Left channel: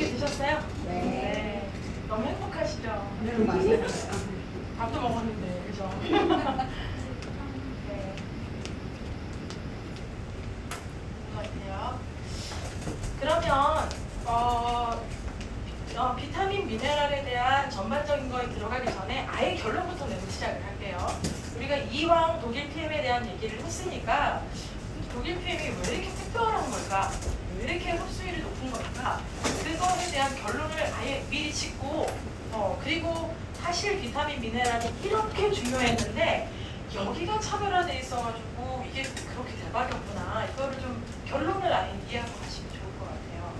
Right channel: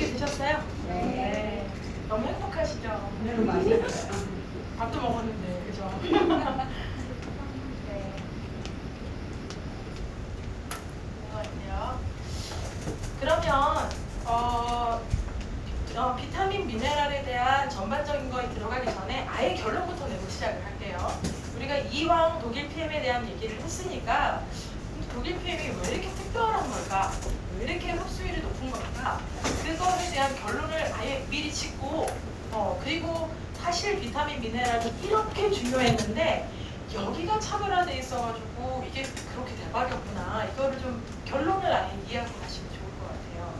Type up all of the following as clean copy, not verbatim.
맛있게 드셨어요? 네. 너무 행복하시죠? 네. 밥도 먹었는데, 그죠? 네. 그러면 비타민 미네랄에 대한 전반적인 거에 들어가기 전에 아예 결론부터 내고 시작을 할게요. 우리가 이왕 독일 PM에 대한 얘기를 했으니까 독일 PM이 왜 이렇게 특별한 걸까? 왜 이렇게 흡수율이 높은 걸까? 그거에 대한 결론을 아예 미리 짓고 그리고 사실 비타민 미네랄은 이렇게 중요했는데 여기가 차별화돼 있어가지고 이게 그렇게 대박이었구나. 이거를 좀 결론을 아예 이해하고 가시면 좋을 것 같아요.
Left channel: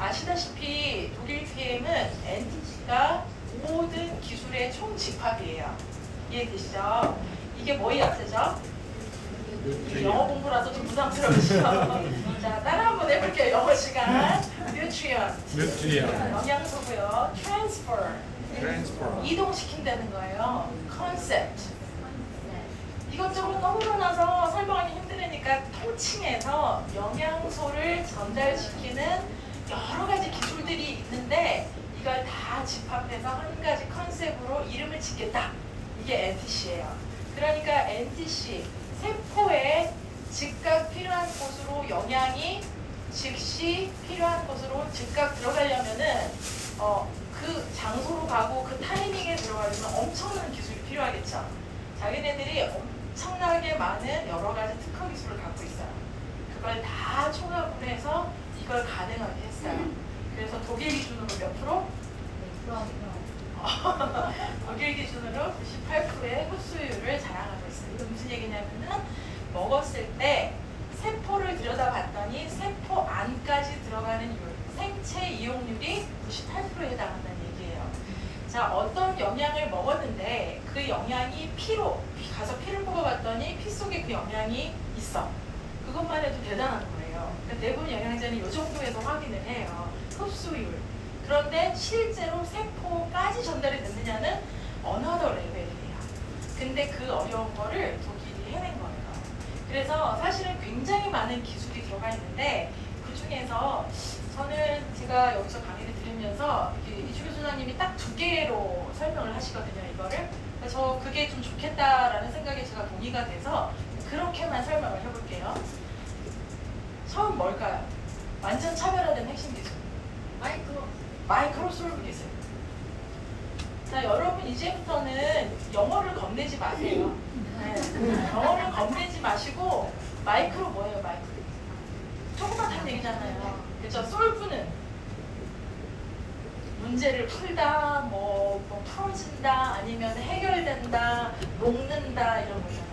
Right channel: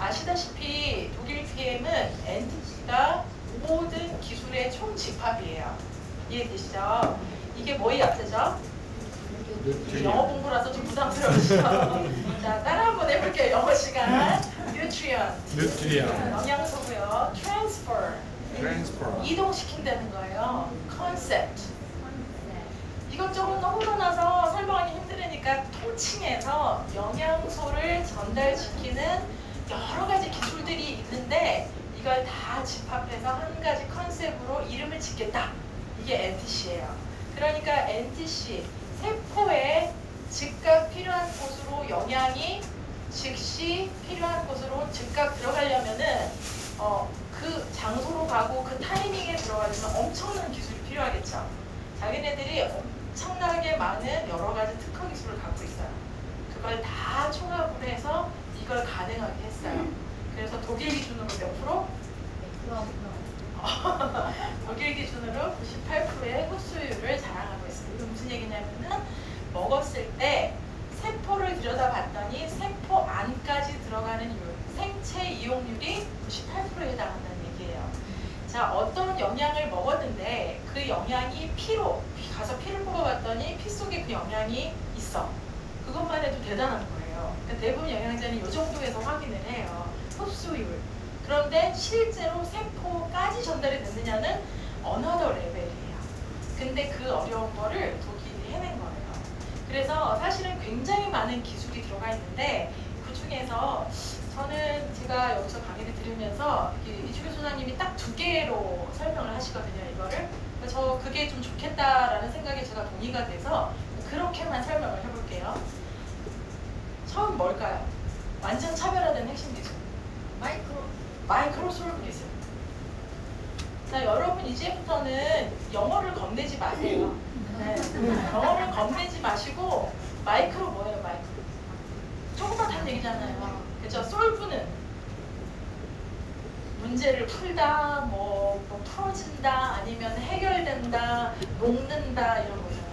아시다시피 독일 PM은 NTT가 모든 기술의 총집합이에요. 이해되시죠? 이게 뭐의 약자죠? 영어 공부라서 좀 부담스러우시죠? 자, 따라 한번 해볼게요. 영어 시간. nutrient. 영양소고요. transfer. 이동시킨다는 거예요. concept. 이것저것 너무 많아서 설명하기 힘드니까 통칭해서 영양소를 전달시키는 여러 가지 기술들이 있는데 이걸 다 집합해서 한 가지 컨셉으로 이름을 짓겠다. 이게 NTC예요. 그러니까 NTC, 세포에 즉각 필요한 곳으로 영양이 즉시 필요한 곳으로 즉각 들어가려면은 그 장소로 가고 그 타이밍에 들어가려면 엄청난 기술이 필요하겠죠. 자기네들이 엄청나게 많은 여러 가지 특허 기술을 갖고 있어요. 그걸 다 총합을 해서 이걸 가능하게 했어요. 그래서 독일 기준으로 몇 프로? 독일 기준으로 18%의 흡수율을 자랑하고 있어요. 이건 무슨 얘기냐면은 먹었을 때 세포를 들여다봤더니 세포 안까지 들어가는 율, 생체 이용률이 98%에 해당한다는 얘기예요. 자, 어떤 영양을 먹었는데 그 영양이 피로 가서 피를 먹어봤더니 피 속에 그 영양이 있어. 그것만 해도 대단한 거예요. 그러니까 대부분 영양제는 이 정도에서 확인을 해요. 흡수율. 그런데 실제로 세포까지 전달이 됐느냐는 another 레벨이에요. 근데 그 어려운 거를 독일이 해낸 거예요. 그래서 사실은 굉장히 많은 기술이 들어가 있는데 그 중에서 저는 제가 여기서 강의를 들으면서 이주교 소장님이 딱 두 개로 설명을 하시거든요, 이거를. 그래서 그게 좀 좋겠다라는 생각에 제가 동의가 돼서 그렇게만 설명을 해볼게요. 처음 뭘까요? 완전 차별화된 핵심 기술. 마이크로솔브리즘. 자, 여러분 이제부터는 영어를 겁내지 마세요. 네. 영어를 겁내지 마시고 마이크로 뭐예요, 마이크로? 조그맣단 얘기잖아요. 그렇죠? 솔브는 문제를 풀다, 뭐 풀어진다, 아니면 해결된다, 녹는다 이런 거잖아요.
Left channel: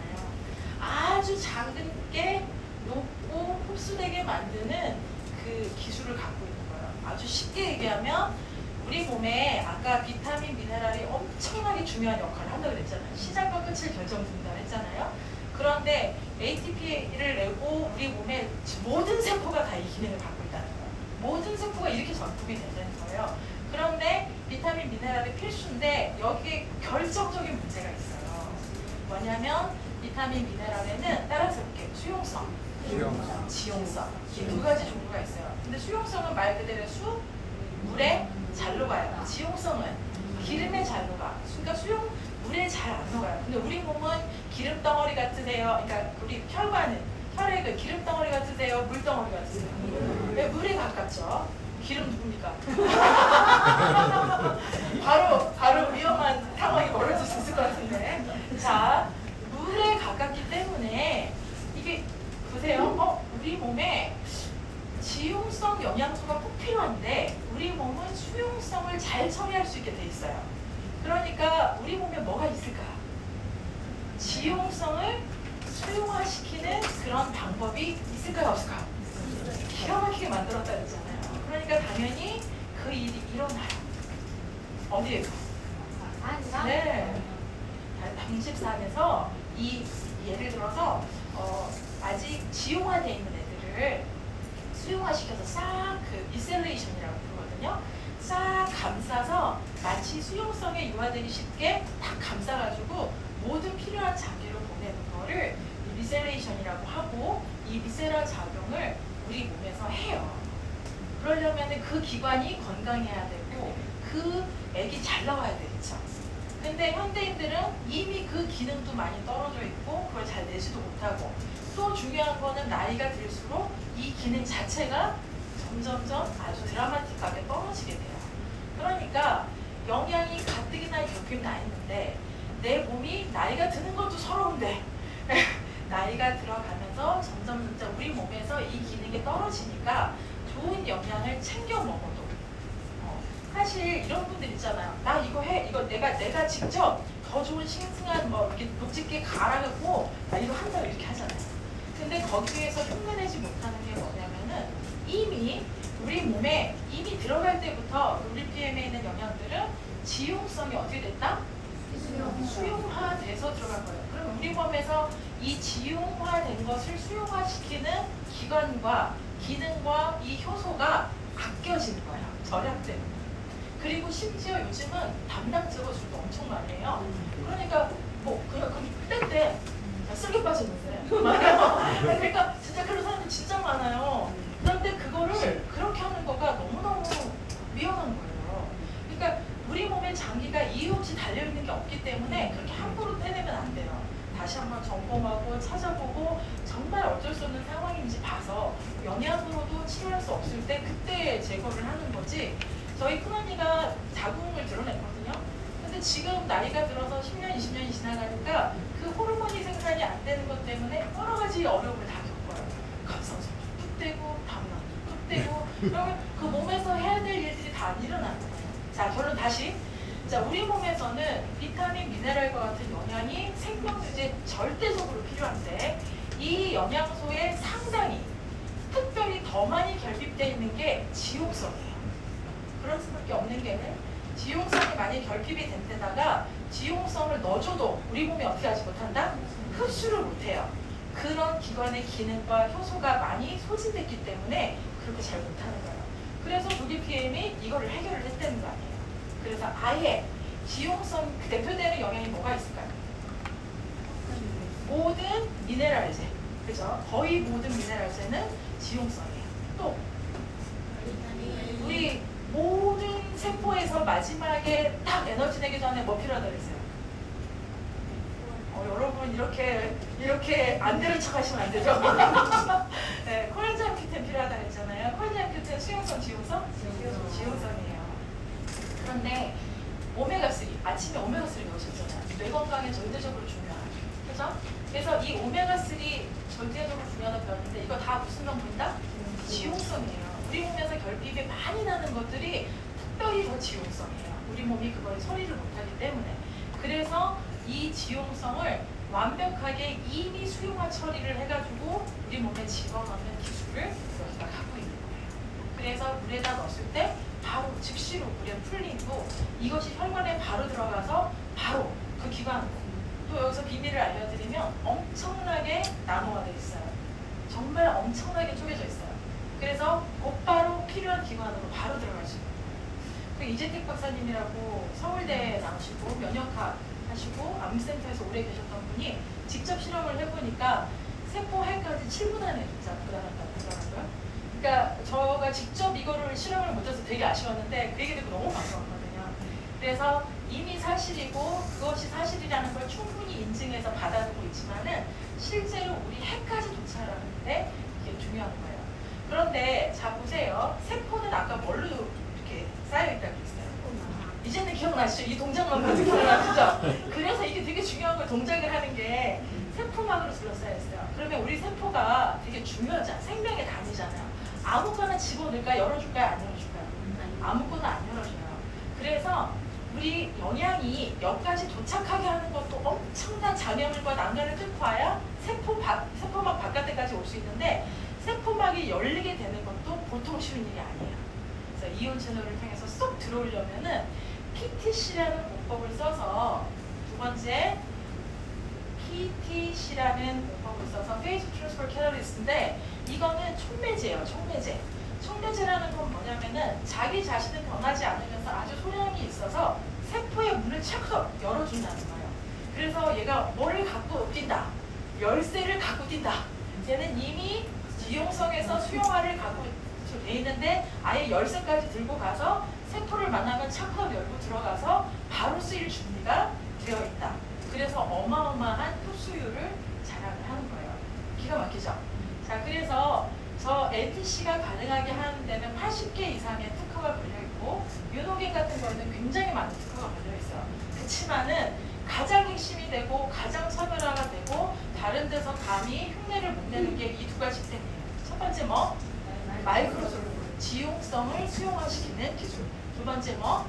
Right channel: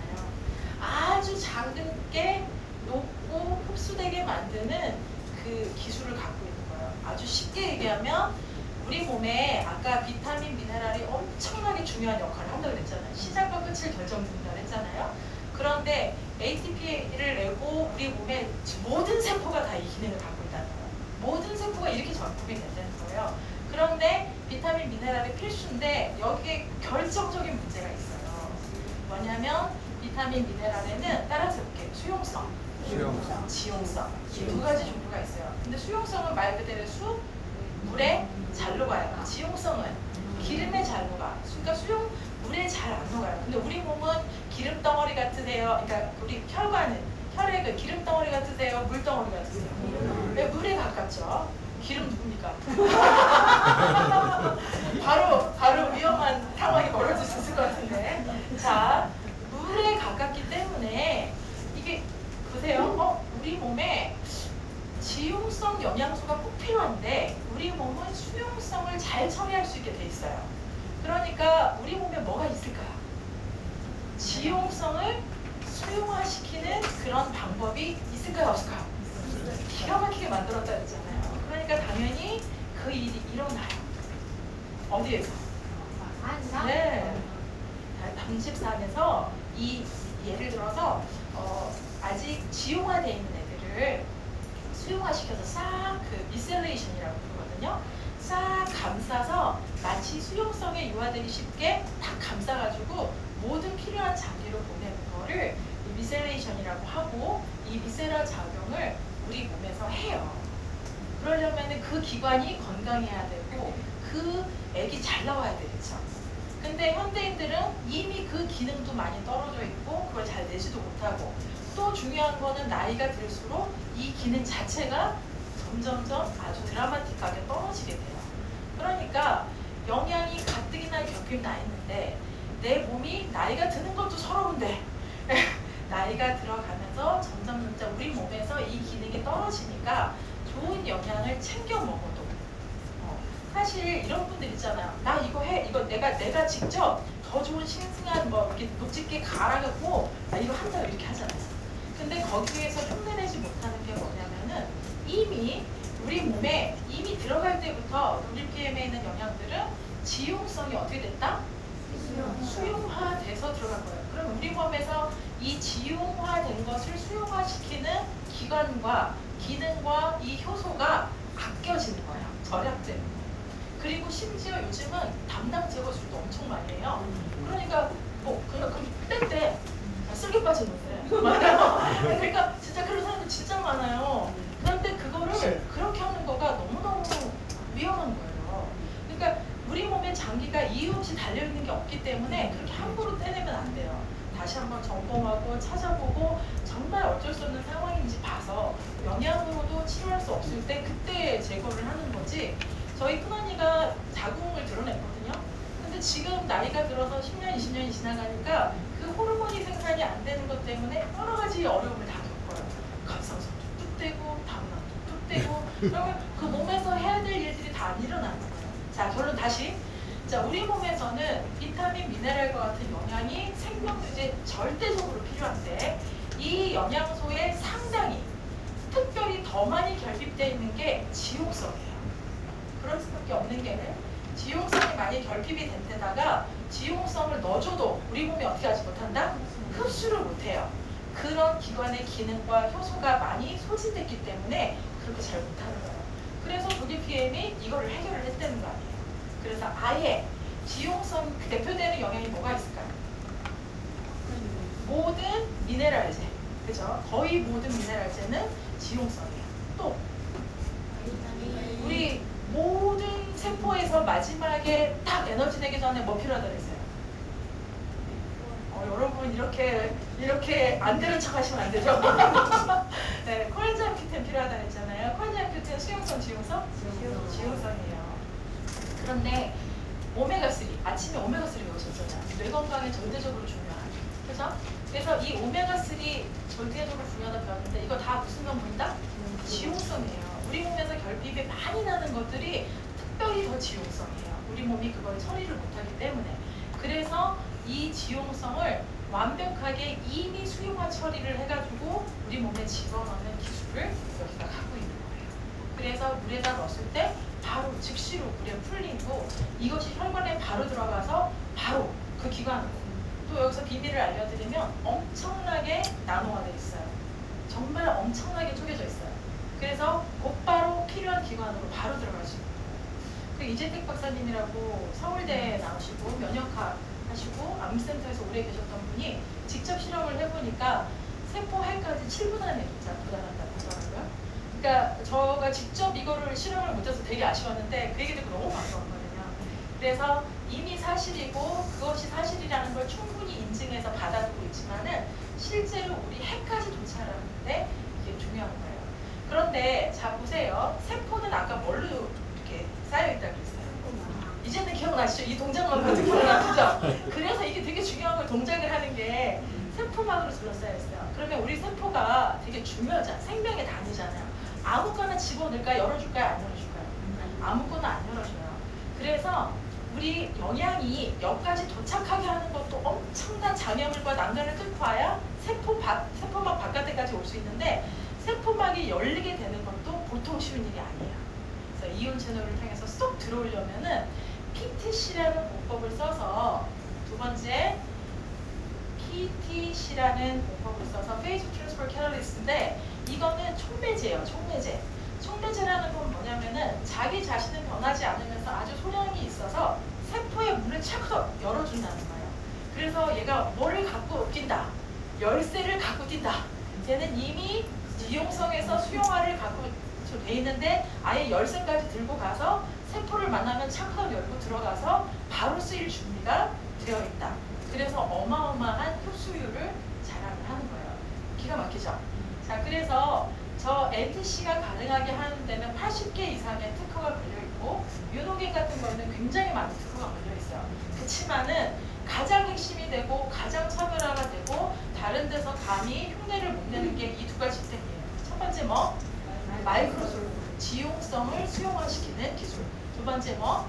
아주 작은 게 녹고 흡수되게 만드는 그 기술을 갖고 있는 거예요. 아주 쉽게 얘기하면 우리 몸에 아까 비타민, 미네랄이 엄청나게 중요한 역할을 한다고 그랬잖아요. 시작과 끝을 결정짓는다고 했잖아요. 그런데 ATP를 내고 우리 몸의 모든 세포가 다 이 기능을 갖고 있다는 거예요. 모든 세포가 이렇게 작동이 된다는 거예요. 그런데 비타민, 미네랄이 필수인데 여기에 결정적인 문제가 있어요. 뭐냐면 비타민, 미네랄에는 따라서 이렇게 수용성, 지용성 이 두 가지 종류가 있어요. 근데 수용성은 말 그대로 물에 잘 녹아요. 지용성은 기름에 잘 녹아. 그러니까 물에 잘 안 녹아요. 근데 우리 몸은 기름 덩어리 같으세요. 그러니까 우리 혈관은 혈액은 기름 덩어리 같으세요. 물 덩어리 같으세요. 네, 물에 가깝죠. 기름 누굽니까? 바로 위험한 상황이 벌어질 수 있을 것 같은데. 자, 물에 가깝기 때문에 이게 보세요. 우리 몸에 지용성 영양소가 꼭 필요한데 우리 몸은 수용성을 잘 처리할 수 있게 돼 있어요. 그러니까 우리 몸에 뭐가 있을까요? 지용성을 수용화시키는 그런 방법이 있을까요? 없을까요? 기가 막히게 만들었다 그랬잖아요. 그러니까 당연히 그 일이 일어나요. 어디에서? 네. 방식산에서 예를 들어서 아직 지용화되어 있는 애들을 수용화시켜서 싹 그 미셀레이션이라고 부르거든요. 싹 감싸서 마치 수용성에 유아들이 쉽게 딱 감싸가지고 모든 필요한 장기를 보내는 거를 미셀레이션이라고 하고 이 미셀라 작용을 우리 몸에서 해요. 그러려면 그러면은 그 기관이 건강해야 되고 그 액이 잘 나와야 되겠죠. 근데 현대인들은 이미 그 기능도 많이 떨어져 있고 그걸 잘 내지도 못하고 또 중요한 거는 나이가 들수록 이 기능 자체가 점점점 아주 드라마틱하게 떨어지게 돼요. 그러니까 영양이 가뜩이나 결핍 나 있는데 내 몸이 나이가 드는 것도 서러운데 나이가 들어가면서 점점 우리 몸에서 이 기능이 떨어지니까 좋은 영양을 챙겨 먹어도 사실 이런 분들 있잖아요. 나 이거 해, 이거 내가 직접 더 좋은 싱싱한 뭐 이렇게 녹즙게 갈아갖고 나 이거 한다 이렇게 하잖아요. 근데 거기에서 흉내내지 못하는 게 뭐냐면은 이미 우리 몸에 이미 들어갈 때부터 우리 PM에 있는 영양들은 지용성이 어떻게 됐다? 수용화돼서 들어간 거예요. 그럼 우리 몸에서 이 지용화된 것을 수용화시키는 기관과 기능과 이 효소가 아껴지는 거예요. 절약되는 거예요. 그리고 심지어 요즘은 담당 제거술도 엄청 많이 해요. 그러니까 뭐 그냥 그때 쓸개 빠지는데 그러니까 진짜 그런 사람들 진짜 많아요. 그런데 그거를 그렇게 하는 거가 너무너무 위험한 거예요. 그러니까 우리 몸에 장기가 이유 없이 달려있는 게 없기 때문에 그렇게 함부로 떼내면 안 돼요. 다시 한번 점검하고 찾아보고 정말 어쩔 수 없는 상황인지 봐서 영양으로도 치료할 수 없을 때 그때 제거를 하는 거지. 저희 큰언니가 자궁을 드러냈거든요. 근데 지금 나이가 들어서 10년, 20년이 지나가니까 그 호르몬이 생산이 안 되는 것 때문에 여러 가지 어려움을 다 겪어요. 갑상선도 툭 떼고, 담낭도 툭 떼고, 그러면 그 몸에서 해야 될 일들이 다 안 일어나는 거예요. 자, 결론 다시. 자, 우리 몸에서는 비타민, 미네랄과 같은 영양이 생명유지에 절대적으로 필요한데 이 영양소의 상당히 특별히 더 많이 결핍되어 있는 게 지용성이에요. 그럴 수밖에 없는 게는 지용성이 많이 결핍이 된 데다가 지용성을 넣어줘도 우리 몸이 어떻게 하지 못한다? 흡수를 못해요. 그런 기관의 기능과 효소가 많이 소진됐기 때문에 그렇게 잘 못하는 거예요. 그래서 조기 PM이 이거를 해결을 했다는 거 아니에요. 그래서 아예 지용성 대표되는 영양이 뭐가 있을까요? 모든 미네랄제, 그죠? 거의 모든 미네랄제는 지용성이에요. 또 우리 모든 세포에서 마지막에 딱 에너지 내기 전에 뭐 필요하다고 했어요? 여러분 이렇게 안 되는 척 하시면 안 되죠? 네, 콜라겐 큐텐 필요하다고 했잖아요. 콜라겐 큐텐 수용성, 지용성? 지용성이에요. 그런데 오메가3, 아침에 오메가3 먹으셨잖아요. 뇌 건강에 절대적으로 중요하죠. 그죠? 그래서 이 오메가3 절대적으로 중요하다고 배웠는데 이거 다 무슨 명분이다? 지용성이에요. 우리 몸에서 결핍이 많이 나는 것들이 특별히 더 지용성이에요. 우리 몸이 그걸 처리를 못하기 때문에. 그래서 이 지용성을 완벽하게 이미 수용화 처리를 해가지고 우리 몸에 집어넣는 기술을 여기가 갖고 있는 거예요. 그래서 물에다 넣었을 때 바로 즉시로 물에 풀리고 이것이 혈관에 바로 들어가서 바로 그 기관으로 또 여기서 비밀을 알려드리면 엄청나게 나누어져 있어요. 정말 엄청나게 쪼개져 있어요. 그래서 곧바로 필요한 기관으로 바로 들어갈 수 있는 거예요. 그 이재택 박사님이라고 서울대에 나오시고 면역학 하시고 암센터에서 오래 계셨던 분이 직접 실험을 해보니까 세포 핵까지 7분 안에 구달한다고 하더라고요. 그러니까 저가 직접 이거를 실험을 못해서 되게 아쉬웠는데 그 얘기 듣고 너무 반가웠거든요. 그래서 이미 사실이고 그것이 사실이라는 걸 충분히 인증해서 받아들고 있지만은 실제로 우리 핵까지 도착하는데 이게 중요한 거예요. 그런데 자 보세요. 세포는 아까 뭘로 이렇게 쌓여있다고 했어요? 이제는 기억나시죠? 이 동작만 봐도 기억나시죠? 그래서 이게 되게 중요한 걸 동작을 하는 게 세포막으로 둘러싸여 있어요. 그러면 우리 세포가 되게 중요하잖아. 생명의 단위잖아. 아무거나 집어넣을까요? 열어줄까요? 안 열어줄까요? 아무거나 안 열어줘요. 그래서 우리 영양이 여기까지 도착하게 하는 것도 엄청난 장애물과 난간을 뚫고 와야 세포막 바깥에까지 올 수 있는데 세포막이 열리게 되는 것도 보통 쉬운 일이 아니에요. 그래서 이온 채널을 통해서 쏙 들어오려면은 PTC라는 공법을 써서 두 번째 PTC라는 공법을 써서 페이즈 트랜스퍼 캐탈리스트인데 이거는 촉매제예요. 촉매제라는 건 뭐냐면은 자기 자신을 변하지 않으면서 아주 소량이 있어서 세포의 문을 착 열어준다는 거예요. 그래서 얘가 뭐를 갖고 뛴다? 열쇠를 갖고 뛴다. 얘는 이미 지용성에서 수용화를 갖고 돼 있는데 아예 열쇠까지 들고 가서 세포를 만나면 창문을 열고 들어가서 바로 쓰일 준비가 되어 있다. 그래서 어마어마한 흡수율을 자랑을 하는 거예요. 기가 막히죠? 자, 그래서 저 NTC가 가능하게 하는 데는 80개 이상의 특허가 걸려있고 윤호겐 같은 거는 굉장히 많은 특허가 걸려있어요. 그렇지만은 가장 핵심이 되고 가장 차별화가 되고 다른 데서 감히 흉내를 못 내는 게 이 두 가지 때문이에요. 첫 번째 뭐? 마이크로솔루션, 지용성을 수용화시키는 기술. 두 번째 뭐?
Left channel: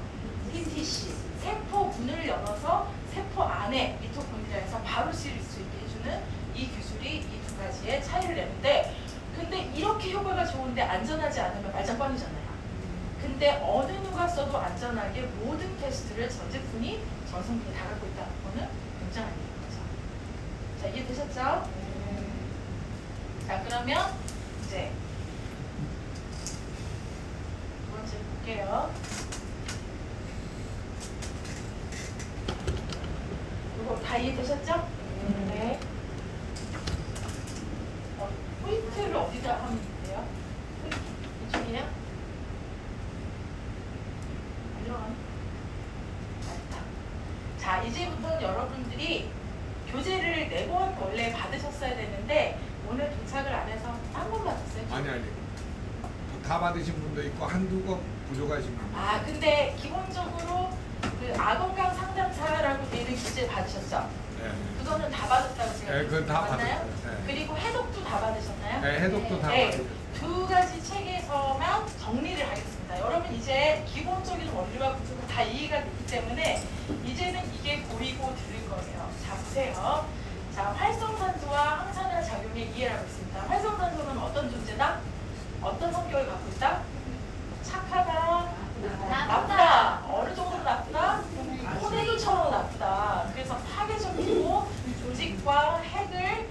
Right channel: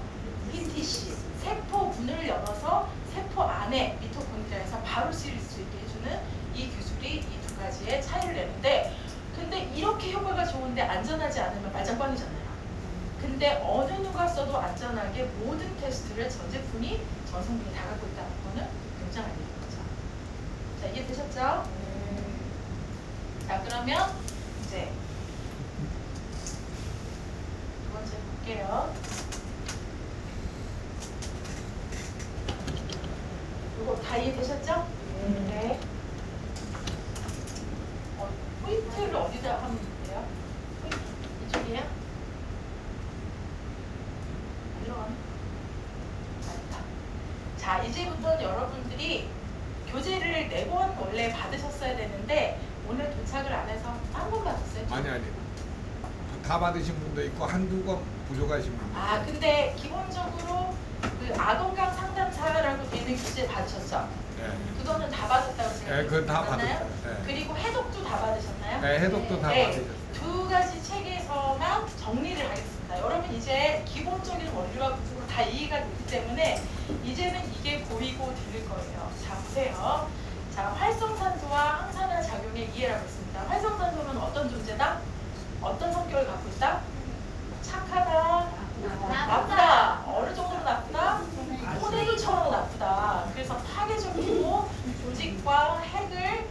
PTC, 세포분을 열어서 세포 안에 미토콘드리아에서 바로 쓰일 수 있게 해주는 이 기술이 이 두 가지의 차이를 내는데, 근데 이렇게 효과가 좋은데 안전하지 않으면 말장관이잖아요. 근데 어느 누가 써도 안전하게 모든 테스트를 전 제품이 전 성분이 다 갖고 있다는 거는 굉장한 일인 거죠. 자, 이해되셨죠? 자, 그러면 이제 두 번째 볼게요. 이거 다 이해되셨죠? 네. 포인트를 어디다 하면 돼요? 이쪽이에요? 이런. 맞다. 자, 이제부터 여러분들이 교재를 4권 원래 받으셨어야 되는데 오늘 도착을 안 해서 한 번 받았어요? 아니. 다 받으신 분도 있고 한두 권 부족하신 분도 아, 근데 기본적으로 그 아동강 상담사라고 되어 있는 교재 받으셨죠? 네. 그거는 다 받았다고 네, 생각해요. 그건 다 맞나요? 받았어요. 네. 그리고 해독도 다 받으셨나요? 네, 해독도 다 네. 받으셨어요. 두 가지 책에서만 정리를 하겠습니다. 여러분 이제 기본적인 원리와 구조가 다 이해가 됐기 때문에 이제는 이게 보이고 들릴 거예요. 자, 보세요. 자, 활성산소와 항산화 작용의 이해라고 있습니다. 활성산소는 어떤 존재다? 어떤 성격을 갖고 있다? 착하다, 나쁘다. 어느 정도 나쁘다? 호랭이처럼 나쁘다. 그래서 파괴적이고 조직과 핵을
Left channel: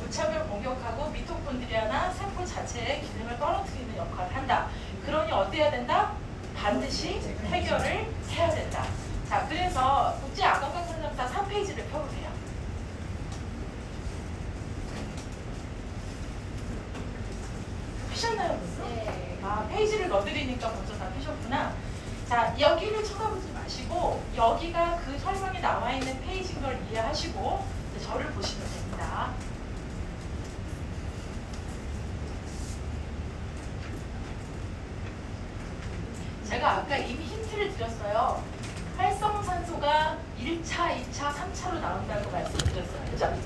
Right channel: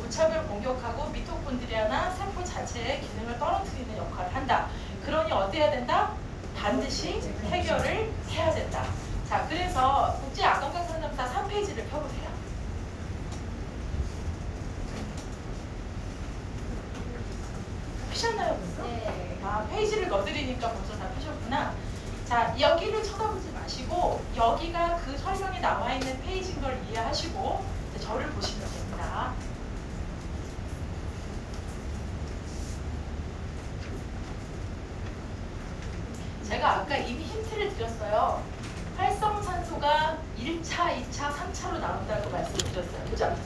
무차별 공격하고 미토콘드리아나 세포 자체의 기능을 떨어뜨리는 역할을 한다. 그러니 어때야 된다? 반드시 해결을 해야 된다. 자, 그래서 국제아동강상담사 3페이지를 펴보세요. 피셨나요, 벌써? 네. 아, 페이지를 넣어드리니까 벌써 다 피셨구나. 자, 여기를 쳐다보지 마시고 여기가 그 설명이 나와 있는 페이지인 걸 이해하시고 이제 저를 보시면 됩니다. 제가 아까 이미 힌트를 드렸어요. 활성산소가 1차, 2차, 3차로 나온다고 말씀드렸어요. 그죠?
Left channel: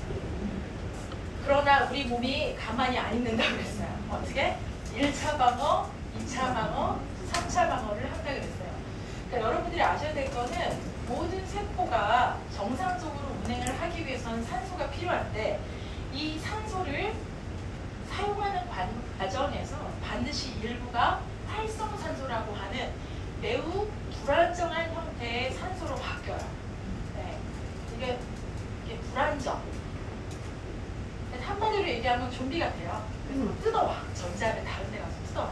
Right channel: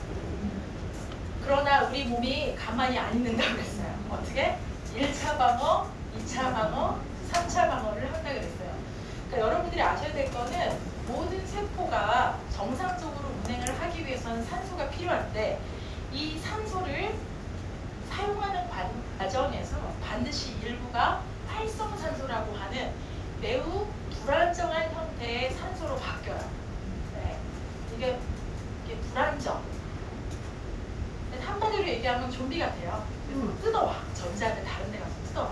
그러나 우리 몸이 가만히 안 있는다고 그랬어요. 어떻게? 1차 방어, 2차 방어, 3차 방어를 한다고 그랬어요. 그러니까 여러분들이 아셔야 될 거는 모든 세포가 정상적으로 운행을 하기 위해서는 산소가 필요한데 이 산소를 사용하는 과정에서 반드시 일부가 활성산소라고 하는 매우 불안정한 형태의 산소로 바뀌어요. 네. 이게 불안정. 한마디로 얘기하면 좀비가 돼요. 그래서 뜯어와. 전자를 다른 데 가서 뜯어와.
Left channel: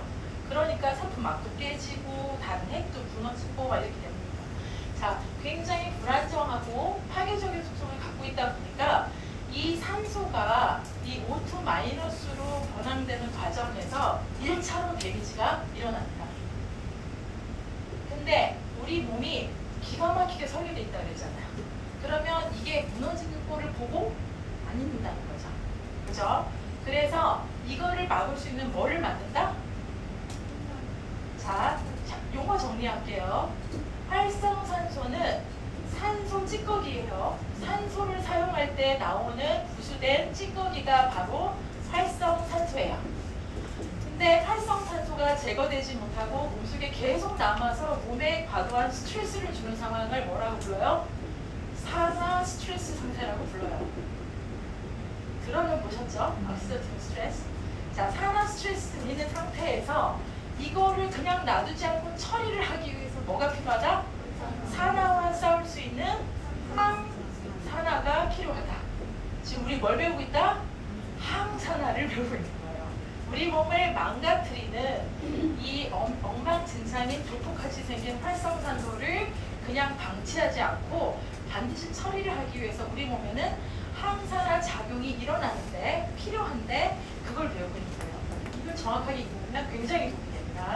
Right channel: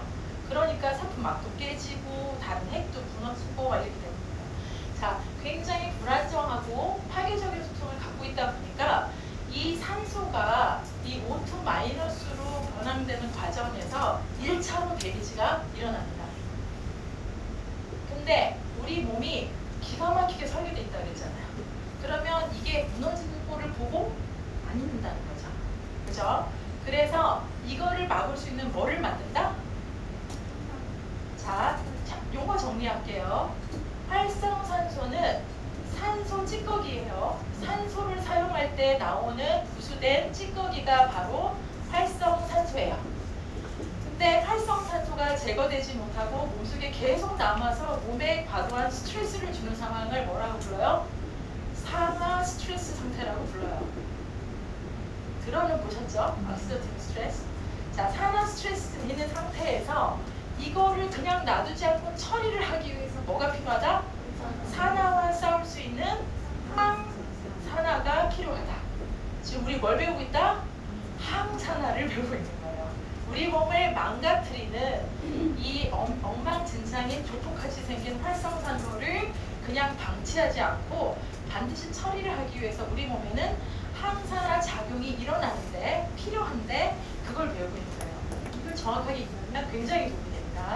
그러니까 세포막도 깨지고 다른 핵도 무너지고 막 이렇게 됩니다. 자, 굉장히 불안정하고 파괴적인 속성을 갖고 있다 보니까 이 산소가 이 O2 마이너스로 변환되는 과정에서 1차로 데미지가 일어납니다. 근데 우리 몸이 기가 막히게 설계되어 있다고 했잖아요. 그러면 이게 무너지는 꼴을 보고 안 있는다는 거죠. 그죠? 그래서 이거를 막을 수 있는 뭐를 만든다? 자, 요거 정리할게요. 활성산소는 산소 찌꺼기예요. 산소를 사용할 때 나오는 부수된 찌꺼기가 바로 활성산소예요. 근데 활성산소가 제거되지 못하고 몸속에 계속 남아서 몸에 과도한 스트레스를 주는 상황을 뭐라고 불러요? 산화 스트레스 상태라고 불러요. 들어는 보셨죠? 억시다티브 스트레스. 자, 산화 스트레스 있는 상태에서 이거를 그냥 놔두지 않고 처리를 하기 위해서 뭐가 필요하다? 산화와 싸울 수 있는 항산화가 필요하다. 지금 우리 뭘 배우고 있다? 항산화를 배우고 있는 거예요. 우리 몸을 망가뜨리는 이 엉망진창인 조폭같이 생긴 활성산소를 그냥 방치하지 않고 반드시 처리를 하기 위해서 우리 몸에는 항산화 작용이 일어나는데 필요한데 그걸 배우고 있는 거예요. 이걸 정확하게 배우면 굉장히 도움이 됩니다.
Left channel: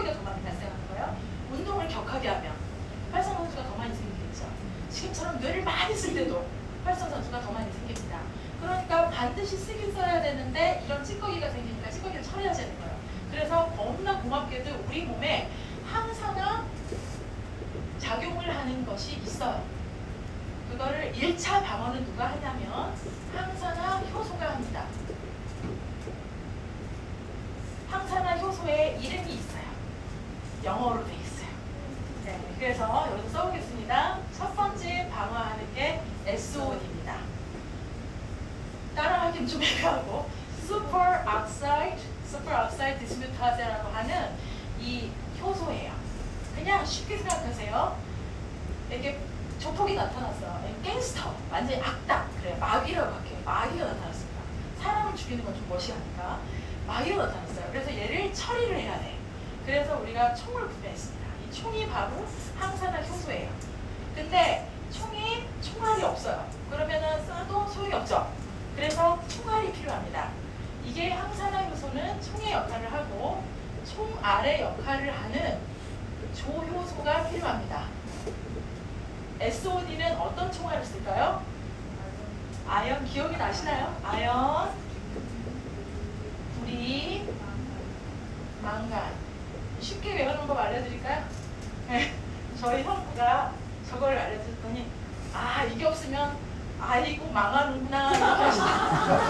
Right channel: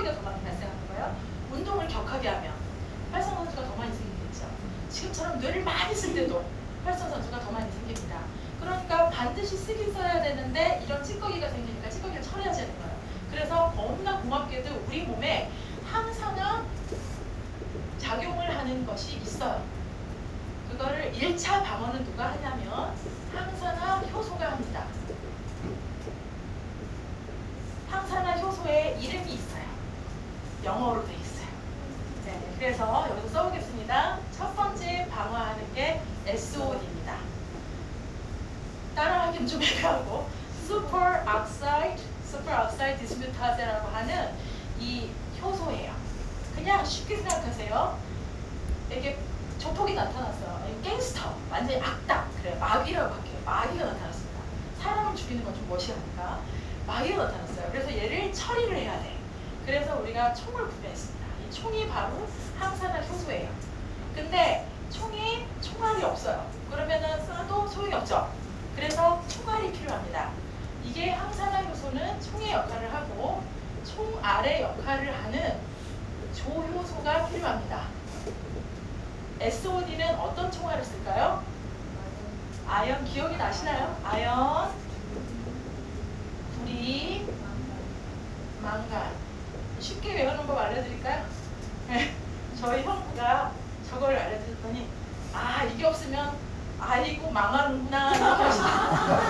찌꺼기가 더 많이 발생하는 거예요. 운동을 격하게 하면 활성산소가 더 많이 생기겠죠. 지금처럼 뇌를 많이 쓸 때도 활성산소가 더 많이 생깁니다. 그러니까 반드시 쓰긴 써야 되는데 이런 찌꺼기가 생기니까 찌꺼기를 처리해야 되는 거예요. 그래서 너무나 고맙게도 우리 몸에 항산화 작용을 하는 것이 있어요. 그거를 1차 방어는 누가 하냐면 항산화 효소가 합니다. 항산화 효소에 이름이 있어요. 영어로 돼 있어요. 네, 그래서 여기서 써보겠습니다. 첫 번째 방어하는 게 SOD입니다. 따라하기 좀 애매하고 슈퍼옥사이드 디스뮤타제라고 하는 이 효소예요. 그냥 쉽게 생각하세요. 이렇게 조폭이 나타났어요. 갱스터, 완전히 악당, 그래 마귀라고 할게요. 마귀가 나타났습니다. 사람을 죽이는 건 좀 멋이하니까 마귀가 나타났어요. 그래서 얘를 처리를 해야 돼. 그래서 우리가 총을 구매했습니다. 이 총이 바로 항산화 효소예요. 근데 총알이 없어요. 그러면은 쏴도 소용이 없죠. 그래서 총알이 필요합니다. 이게 항산화 효소는 총의 역할을 하고 총알의 역할을 하는 조효소가 필요합니다. SOD는 어떤 총알을 쓸까요? 아연, 기억이 나시나요? 아연, 구리, 망간. 쉽게 외우는 법 알려드릴까요? 네, 저희 형부가 저걸 알려줬더니 이게 없으면 이거 망하는구나 이렇게 하시더라고요.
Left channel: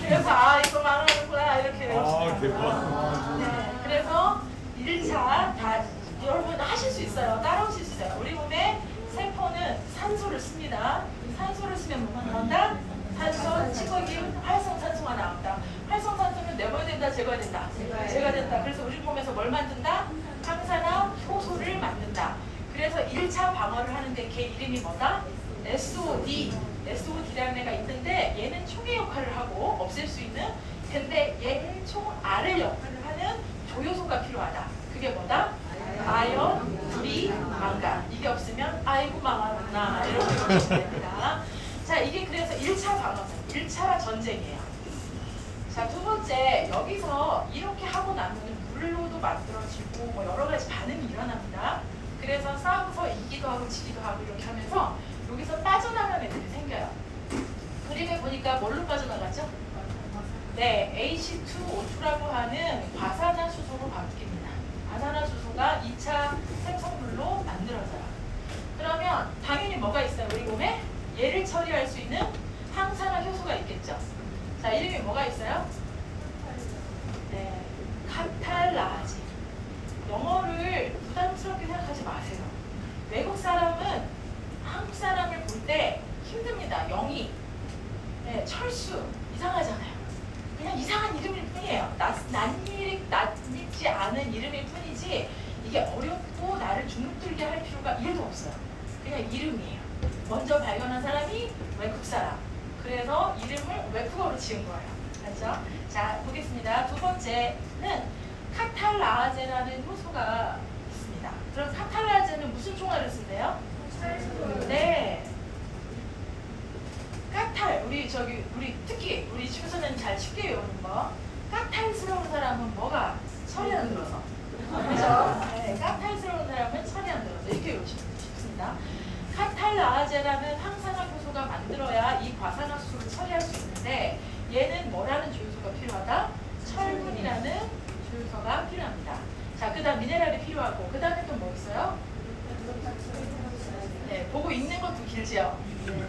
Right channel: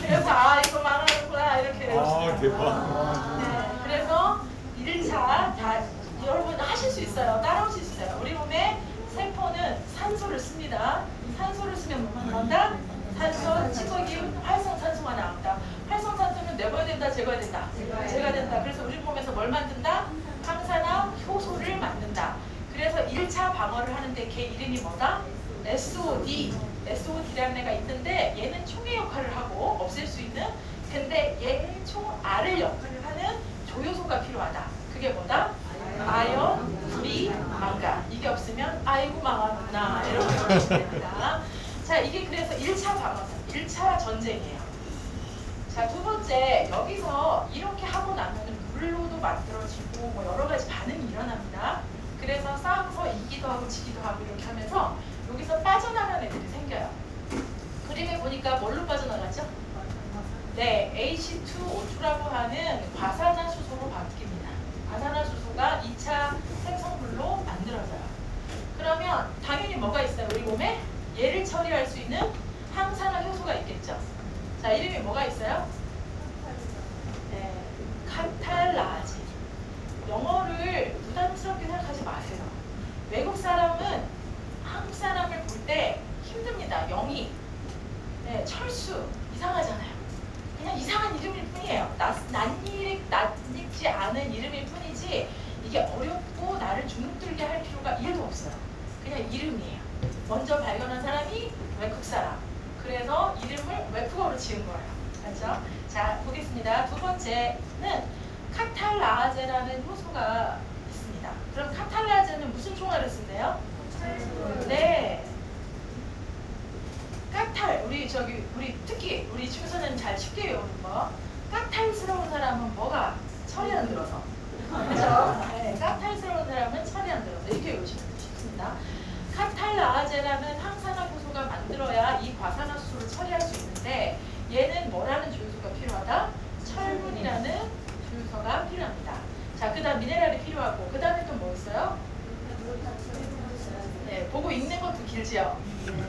그래서 이거 망하는구나 이렇게 외우시더라고요. 대박. 네, 그래서 1차 다 여러분 하실 수 있어요. 따라오실 수 있어요. 우리 몸에 세포는 산소를 씁니다. 산소를 쓰면 뭐가 나온다? 산소, 찌꺼기, 활성산소가 나온다. 활성산소는 내버려 된다, 제거해야 된다. 제거해야 된다. 그래서 우리 몸에서 뭘 만든다? 항산화 효소를 만든다. 그래서 1차 방어를 하는데 걔 이름이 뭐다? SOD. SOD라는 애가 있는데 얘는 총의 역할을 하고 없앨 수 있는, 근데 얘는 총알을 역할을 하는 조효소가 필요하다. 그게 뭐다? 아연, 구리, 망간. 이게 없으면 아이고 망하구나 이렇게 보시면 됩니다. 자, 이게 그래서 1차 방어전, 1차 전쟁이에요. 자, 두 번째, 여기서 이렇게 하고 나면 물로도 만들어지고 뭐 여러 가지 반응이 일어납니다. 그래서 싸워서 이기도 하고 지기도 하고 이렇게 하면서 여기서 빠져나가는 애들이 생겨요. 그림에 보니까 뭘로 빠져나가죠? 네, H2O2라고 하는 과산화수소로 바뀝니다. 과산화수소가 2차 생성물로 만들어져요. 그러면 당연히 뭐가 있어요? 우리 몸에 얘를 처리할 수 있는 항산화 효소가 있겠죠. 자, 이름이 뭐가 있어요? 네, 카탈라지. 영어를 부담스럽게 생각하지 마세요. 외국 사람은 한국 사람을 볼 때 힘듭니다. 영희, 네, 철수, 이상하잖아요. 그냥 이상한 이름일 뿐이에요. 낯익지 않은 이름일 뿐이지 이게 어렵고 나를 주눅들게 할 필요가 1도 없어요. 그냥 이름이에요. 먼저 발견한 사람이 외국 사람. 그래서 이름을 외국어로 지은 거예요. 그렇죠? 자, 보겠습니다. 두 번째는 카탈라제라는 효소가 있습니다. 그럼 카탈라제는 무슨 총알을 쓴대요? 네. 우리 특히 우리 춘선은 잘 쉽게 외우는 거. 까탈스러운 사람은 뭐가 철이 안 들어서. 그렇죠? 네, 까탈스러운 사람은 철이 안 들어서 이렇게 외우시면 쉽습니다. 카탈라제라는 항산화 효소가 만들어야 이 과산화수소를 처리할 수 있는데 얘는 뭐라는 조효소가 필요하다? 철분이라는 조효소가 필요합니다. 자, 그 다음 미네랄이 필요하고 그 다음에 또 뭐 있어요? 네, 보고 읽는 것도 길지요.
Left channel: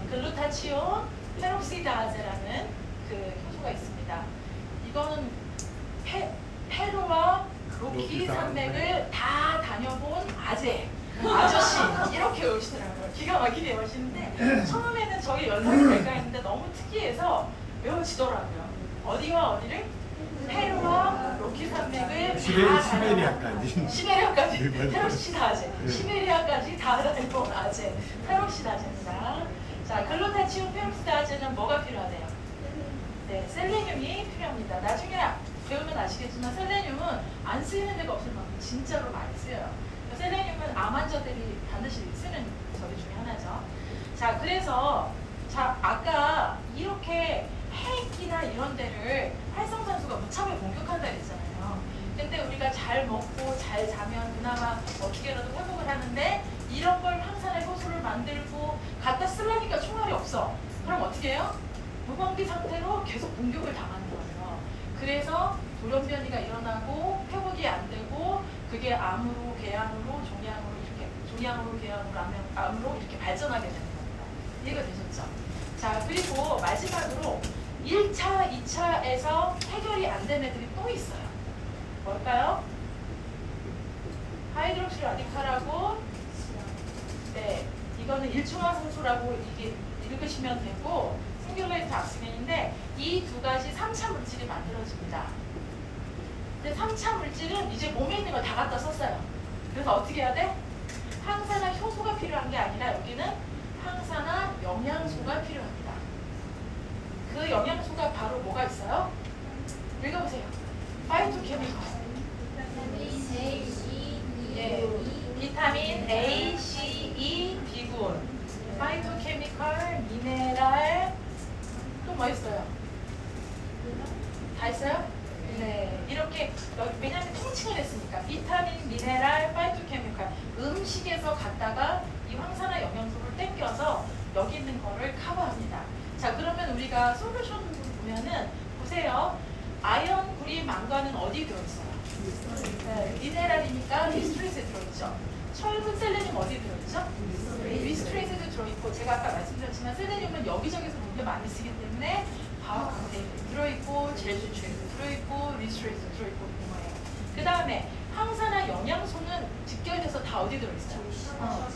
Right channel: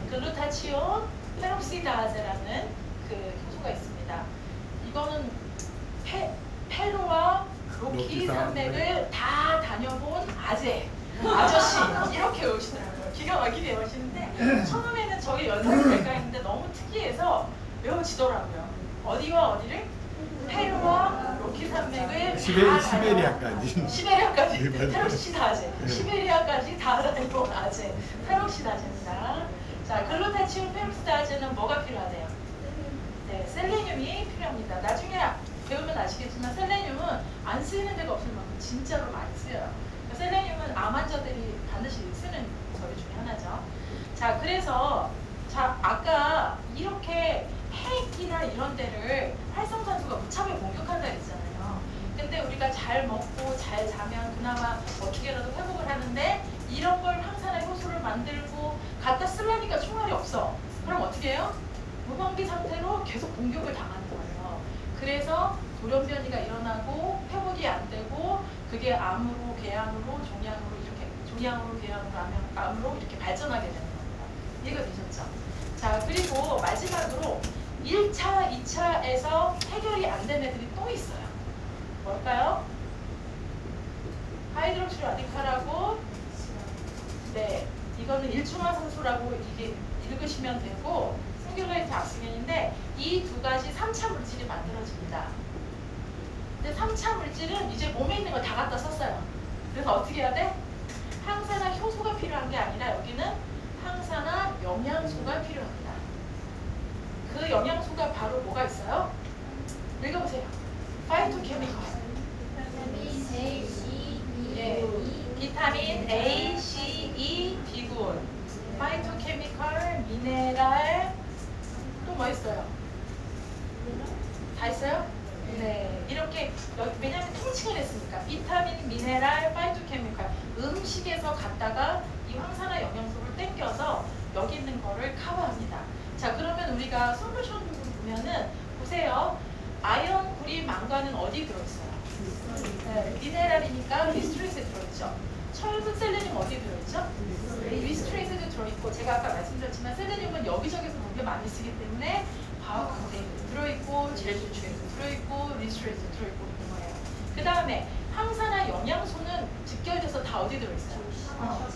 글루타치온 페록시다제라는 그 효소가 있습니다. 이거는 페루와 로키 산맥을 다 다녀본 아저씨 이렇게 외우시더라고요. 기가 막히게 외우시는데 처음에는 저희 연습을 될까 했는데 너무 특이해서 외워지더라고요. 어디와 어디를? 페루와 로키 산맥을 시베리아까지 페록시다제 시베리아까지 다 다녀본 아재 페록시다제입니다. 자, 글루타치온 페록시다제는 뭐가 필요하대요? 네, 셀레늄이 필요합니다. 나중에 배우면 아시겠지만 셀레늄은 안 쓰이는 데가 없을 만큼 진짜로 많이 쓰여요. 셀레늄은 암 환자들이 반드시 쓰는 저기 중에 하나죠. 자, 그래서 아까 이렇게 폐기나 이런 데를 활성산소가 무참하게 공격한다 그랬잖아요. 근데 근데 우리가 잘 먹고 잘 자면 그나마 어떻게라도 회복을 하는데 이런 걸 항산화 효소를 만들고 갖다 쓰려니까 총알이 없어. 그럼 어떻게 해요? 무방비 상태로 계속 공격을 당하는 거예요. 그래서 돌연변이가 일어나고 회복이 안 되고 그게 암으로, 궤암으로, 종양으로, 궤암으로, 암으로 이렇게 발전하게 되는 겁니다. 이해가 되셨죠? 자, 그리고 마지막으로 1차, 2차에서 해결이 안 된 애들이 또 있어요. 뭘까요? 하이드록시 라디칼하고, 네, 이거는 일중화산소라고 읽으시면 되고, 싱귤레이트 악시겐인데 이 두 가지 3차 물질이 만들어집니다. 근데 3차 물질은 이제 몸에 있는 거 다 갖다 썼어요. 그래서 어떻게 해야 돼? 항산화 효소가 필요한 게 아니라 여기는 항산화 영양소가 필요합니다. 그 영양소가 바로 뭐가 있어요? 읽어보세요. 파이토케미컬. 네, 비타민 A, C, E, B군, 파이토케미컬, 미네랄, 또 뭐 있어요? 다 있어요? 네, 이렇게 왜냐면 통칭을 했으니까 비타민, 미네랄, 파이토케미컬 음식에서 갖다가 이 항산화 영양소를 땡겨서 여기 있는 거를 커버합니다. 자, 그러면 우리가 솔루션으로 보면은 보세요. 아연, 구리, 망간은 어디 들어있어요? 네, 미네랄이니까 리스트레이트에 들어있죠. 철분, 셀레늄 어디 들어있죠? 리스트레이트도 들어있고 제가 아까 말씀드렸지만 셀레늄은 여기저기서 되게 많이 쓰기 때문에 과학 콘테이너에 들어있고 젤 수축에도 들어있고 리스트레이트도 들어있고 그런 거예요. 그 다음에 항산화 영양소는 직결돼서 다 어디 들어있어요?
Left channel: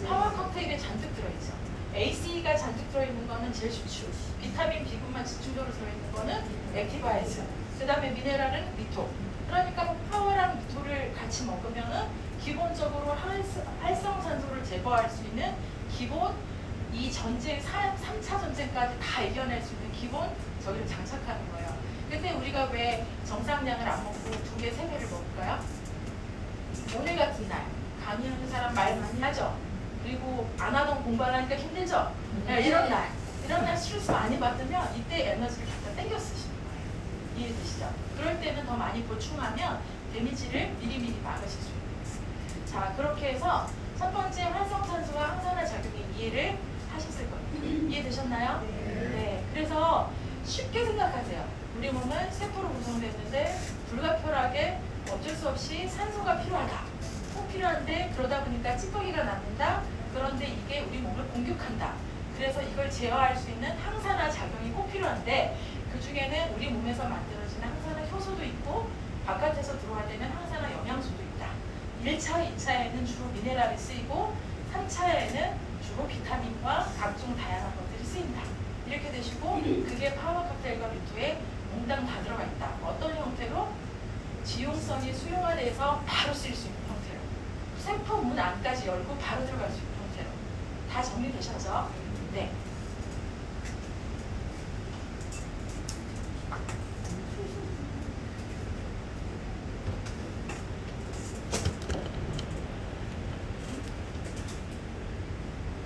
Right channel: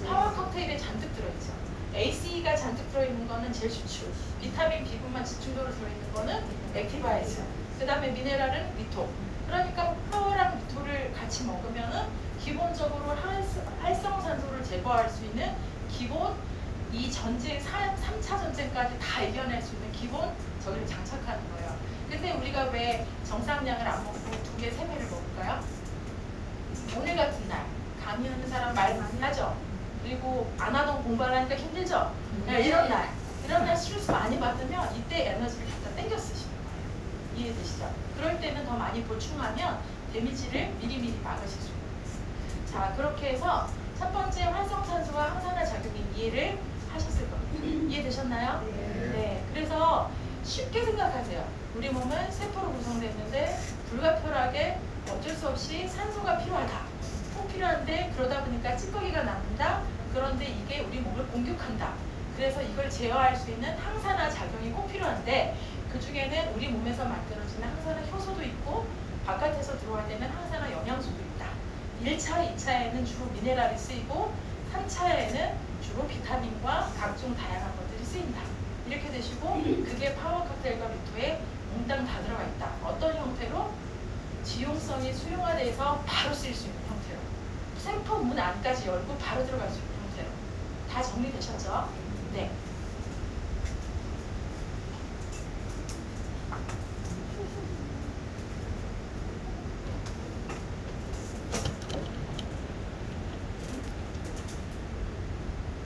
파워 칵테일에 잔뜩 들어있죠. ACE가 잔뜩 들어있는 거는 젤 수축, 비타민 B군만 집중적으로 들어있는 거는 액티바이즈, 그 다음에 미네랄은 미토. 그러니까 파워랑 미토를 같이 먹으면은 기본적으로 활성산소를 제거할 수 있는 기본 이 전쟁 3차 전쟁까지 다 이겨낼 수 있는 기본 저기를 장착하는 거예요. 근데 우리가 왜 정상량을 안 먹고 2배, 3배를 먹을까요? 오늘 같은 날 강의하는 사람 말 많이 하죠. 그리고 안 하던 공부를 하니까 힘들죠. 이런 날 스트레스 많이 받으면 이때 에너지를 갖다 땡겨 쓰시는 거예요. 이해되시죠? 그럴 때는 더 많이 보충하면 데미지를 미리미리 막으실 수 있는 거예요. 자, 그렇게 해서 첫 번째 활성산소와 항산화 작용의 이해를 하셨을 겁니다. 이해되셨나요? 네. 그래서 쉽게 생각하세요. 우리 몸은 세포로 구성됐는데 불가피하게 어쩔 수 없이 산소가 필요하다. 꼭 필요한데 그러다 보니까 찌꺼기가 남는다. 그런데 이게 우리 몸을 공격한다. 그래서 이걸 제어할 수 있는 항산화 작용이 꼭 필요한데 그 중에는 우리 몸에서 만들어지는 항산화 효소도 있고 바깥에서 들어와야 되는 항산화 영양소도 있다. 1차, 2차에는 주로 미네랄이 쓰이고 3차에는 주로 비타민과 각종 다양한 것들이 쓰인다. 이렇게 되시고 그게 파워 칵테일과 미토에 몽땅 다 들어가 있다. 어떤 형태로? 지용성이 수용화돼서 바로 쓸 수 있는 형태로. 세포 문 안까지 열고 바로 들어갈 수 있는 형태로. 다 정리되셨죠? 네.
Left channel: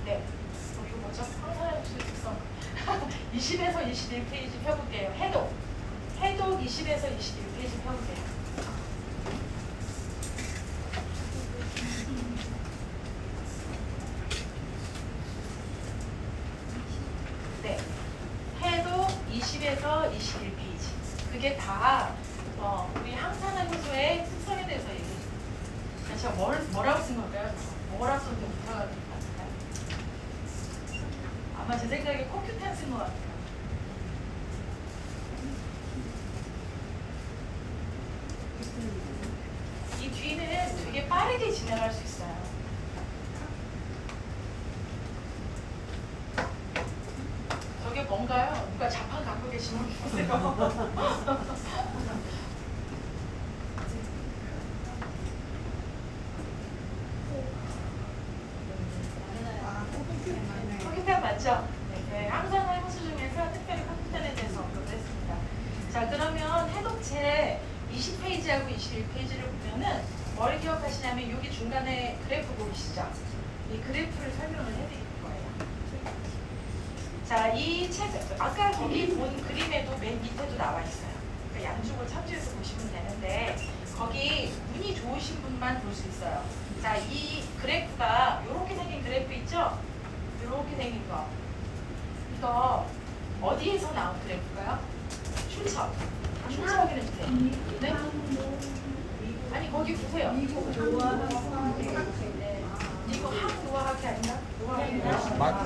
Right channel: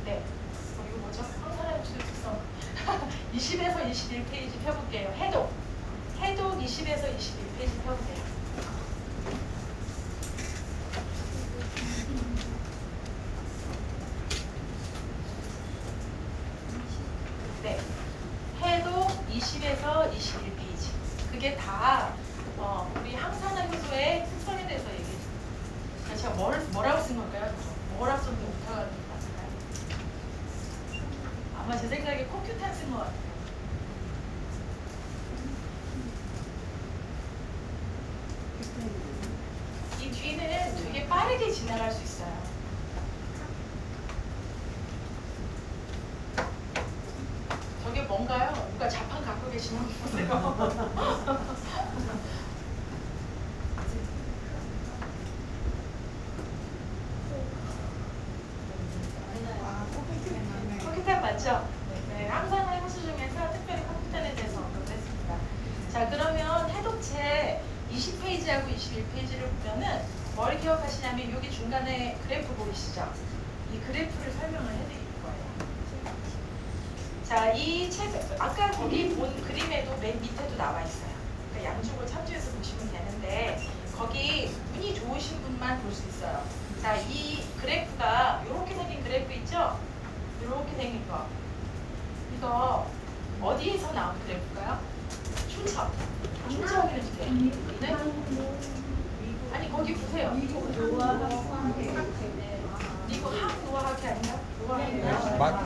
네. 이거 뭐죠? 항산화 육수 특성. 20에서 21페이지 펴볼게요. 해독 20에서 21페이지 펴볼게요. 네. 해독 20에서 21페이지. 그게 다 우리 항산화 효소의 특성에 대해서 얘기해 줍니다. 제가 뭐라고 쓴 걸까요? 뭐라고 쓴 게 오버가 맞나요? 아마 제 생각에 코큐탄 쓴 것 같아요. 이 뒤는 되게 빠르게 지나갈 수 있어요. 저게 뭔가요? 누가 자판 갖고 계시는 거 보세요. 컴퓨터 맞죠? 네, 항산화 효소 중에서 특별히 컴퓨터에 대해서 언급했습니다. 자, 그러면 해독체 20페이지하고 21페이지를 보면은 뭘 기억하시냐면 여기 중간에 그래프 보이시죠? 이 그래프를 설명을 해드릴 거예요. 자, 이 책, 아까 거기 본 그림에도 맨 밑에도 나와 있어요. 그러니까 양쪽을 참조해서 보시면 되는데 거기 눈이 좋으신 분만 볼 수 있어요. 자, 이 그래프가 이렇게 생긴 그래프 있죠? 이렇게 생긴 거. 이거 어디에서 나온 그래프가요? 출처. 출처 확인해 주세요. 네? 아니 거기 보세요. 미국 한국노화학회 아닌가?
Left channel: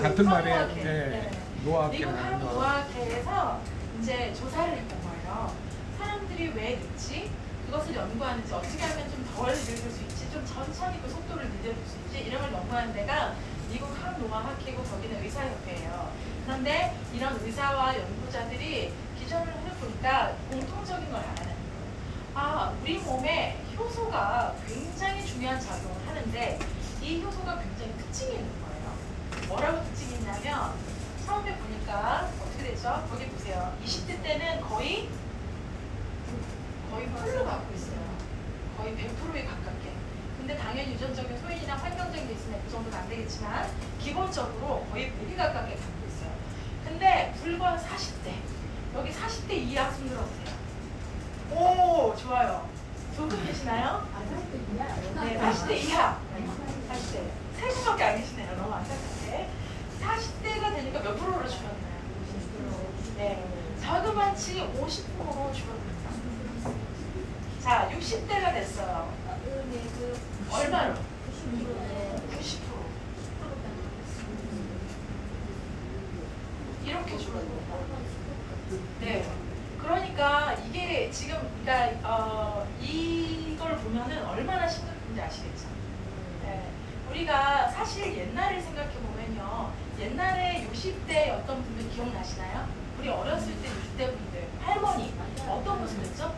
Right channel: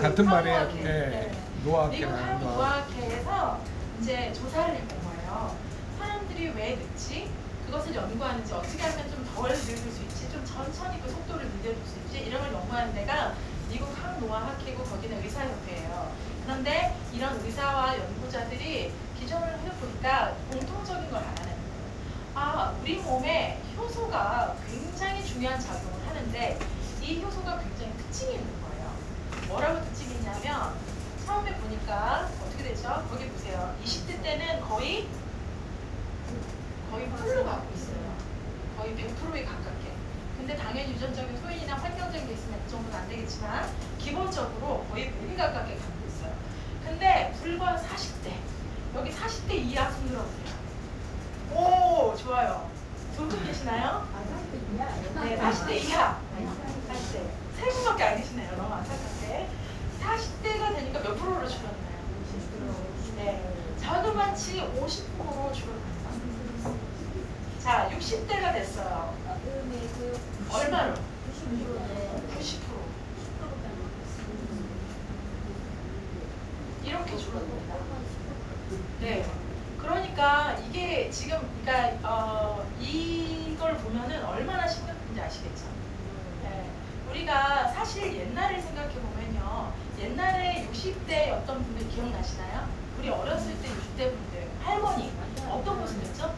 같은 말이에요. 한국노화학회. 예. 노화학회 미국 나온다. 한국노화학회에서 이제 조사를 했던 거예요. 사람들이 왜 늙지? 그것을 연구하는지 어떻게 하면 좀 덜 늙을 수 있지? 좀 천천히 그 속도를 늦어줄 수 있지? 이런 걸 연구하는 데가 미국 한노화학회고 거기는 의사협회예요. 그런데 이런 의사와 연구자들이 기존을 해보니까 공통적인 걸 알아내는 거예요. 아, 우리 몸에 효소가 굉장히 중요한 작용을 하는데 이 효소가 굉장히 특징이 있는 거예요. 뭐라고 특징이 있냐면 처음에 보니까 어떻게 되죠? 거기 보세요. 20대 때는 거의 풀로 갖고 있어요. 거의 100%에 가깝게. 근데 당연 유전적인 소인이나 환경적인 게 있으면 그 정도는 안 되겠지만 기본적으로 거의 100에 가깝게 갖고 있어요. 근데 불과 40대. 여기 40대 이하 손 들어보세요. 오, 좋아요. 조금 계시나요? 네, 40대 이하. 40대. 세 분밖에 안 계시네요. 너무 안타깝게. 40대가 되니까 몇 프로로 줄었나요? 네. 자그마치 50%로 줄었나요? 자, 60대가 됐어요. 얼마로? 90%. 이렇게 줄어듭니다. 네. 그러니까 이게 지금 이걸 보면은 얼마나 심각한지 아시겠죠? 네. 우리가 사실 옛날을 생각해 보면요. 옛날에 60대 어떤 분들 기억나시나요? 우리 어렸을 때 60대 분들 할머니 어떤 모습이었죠?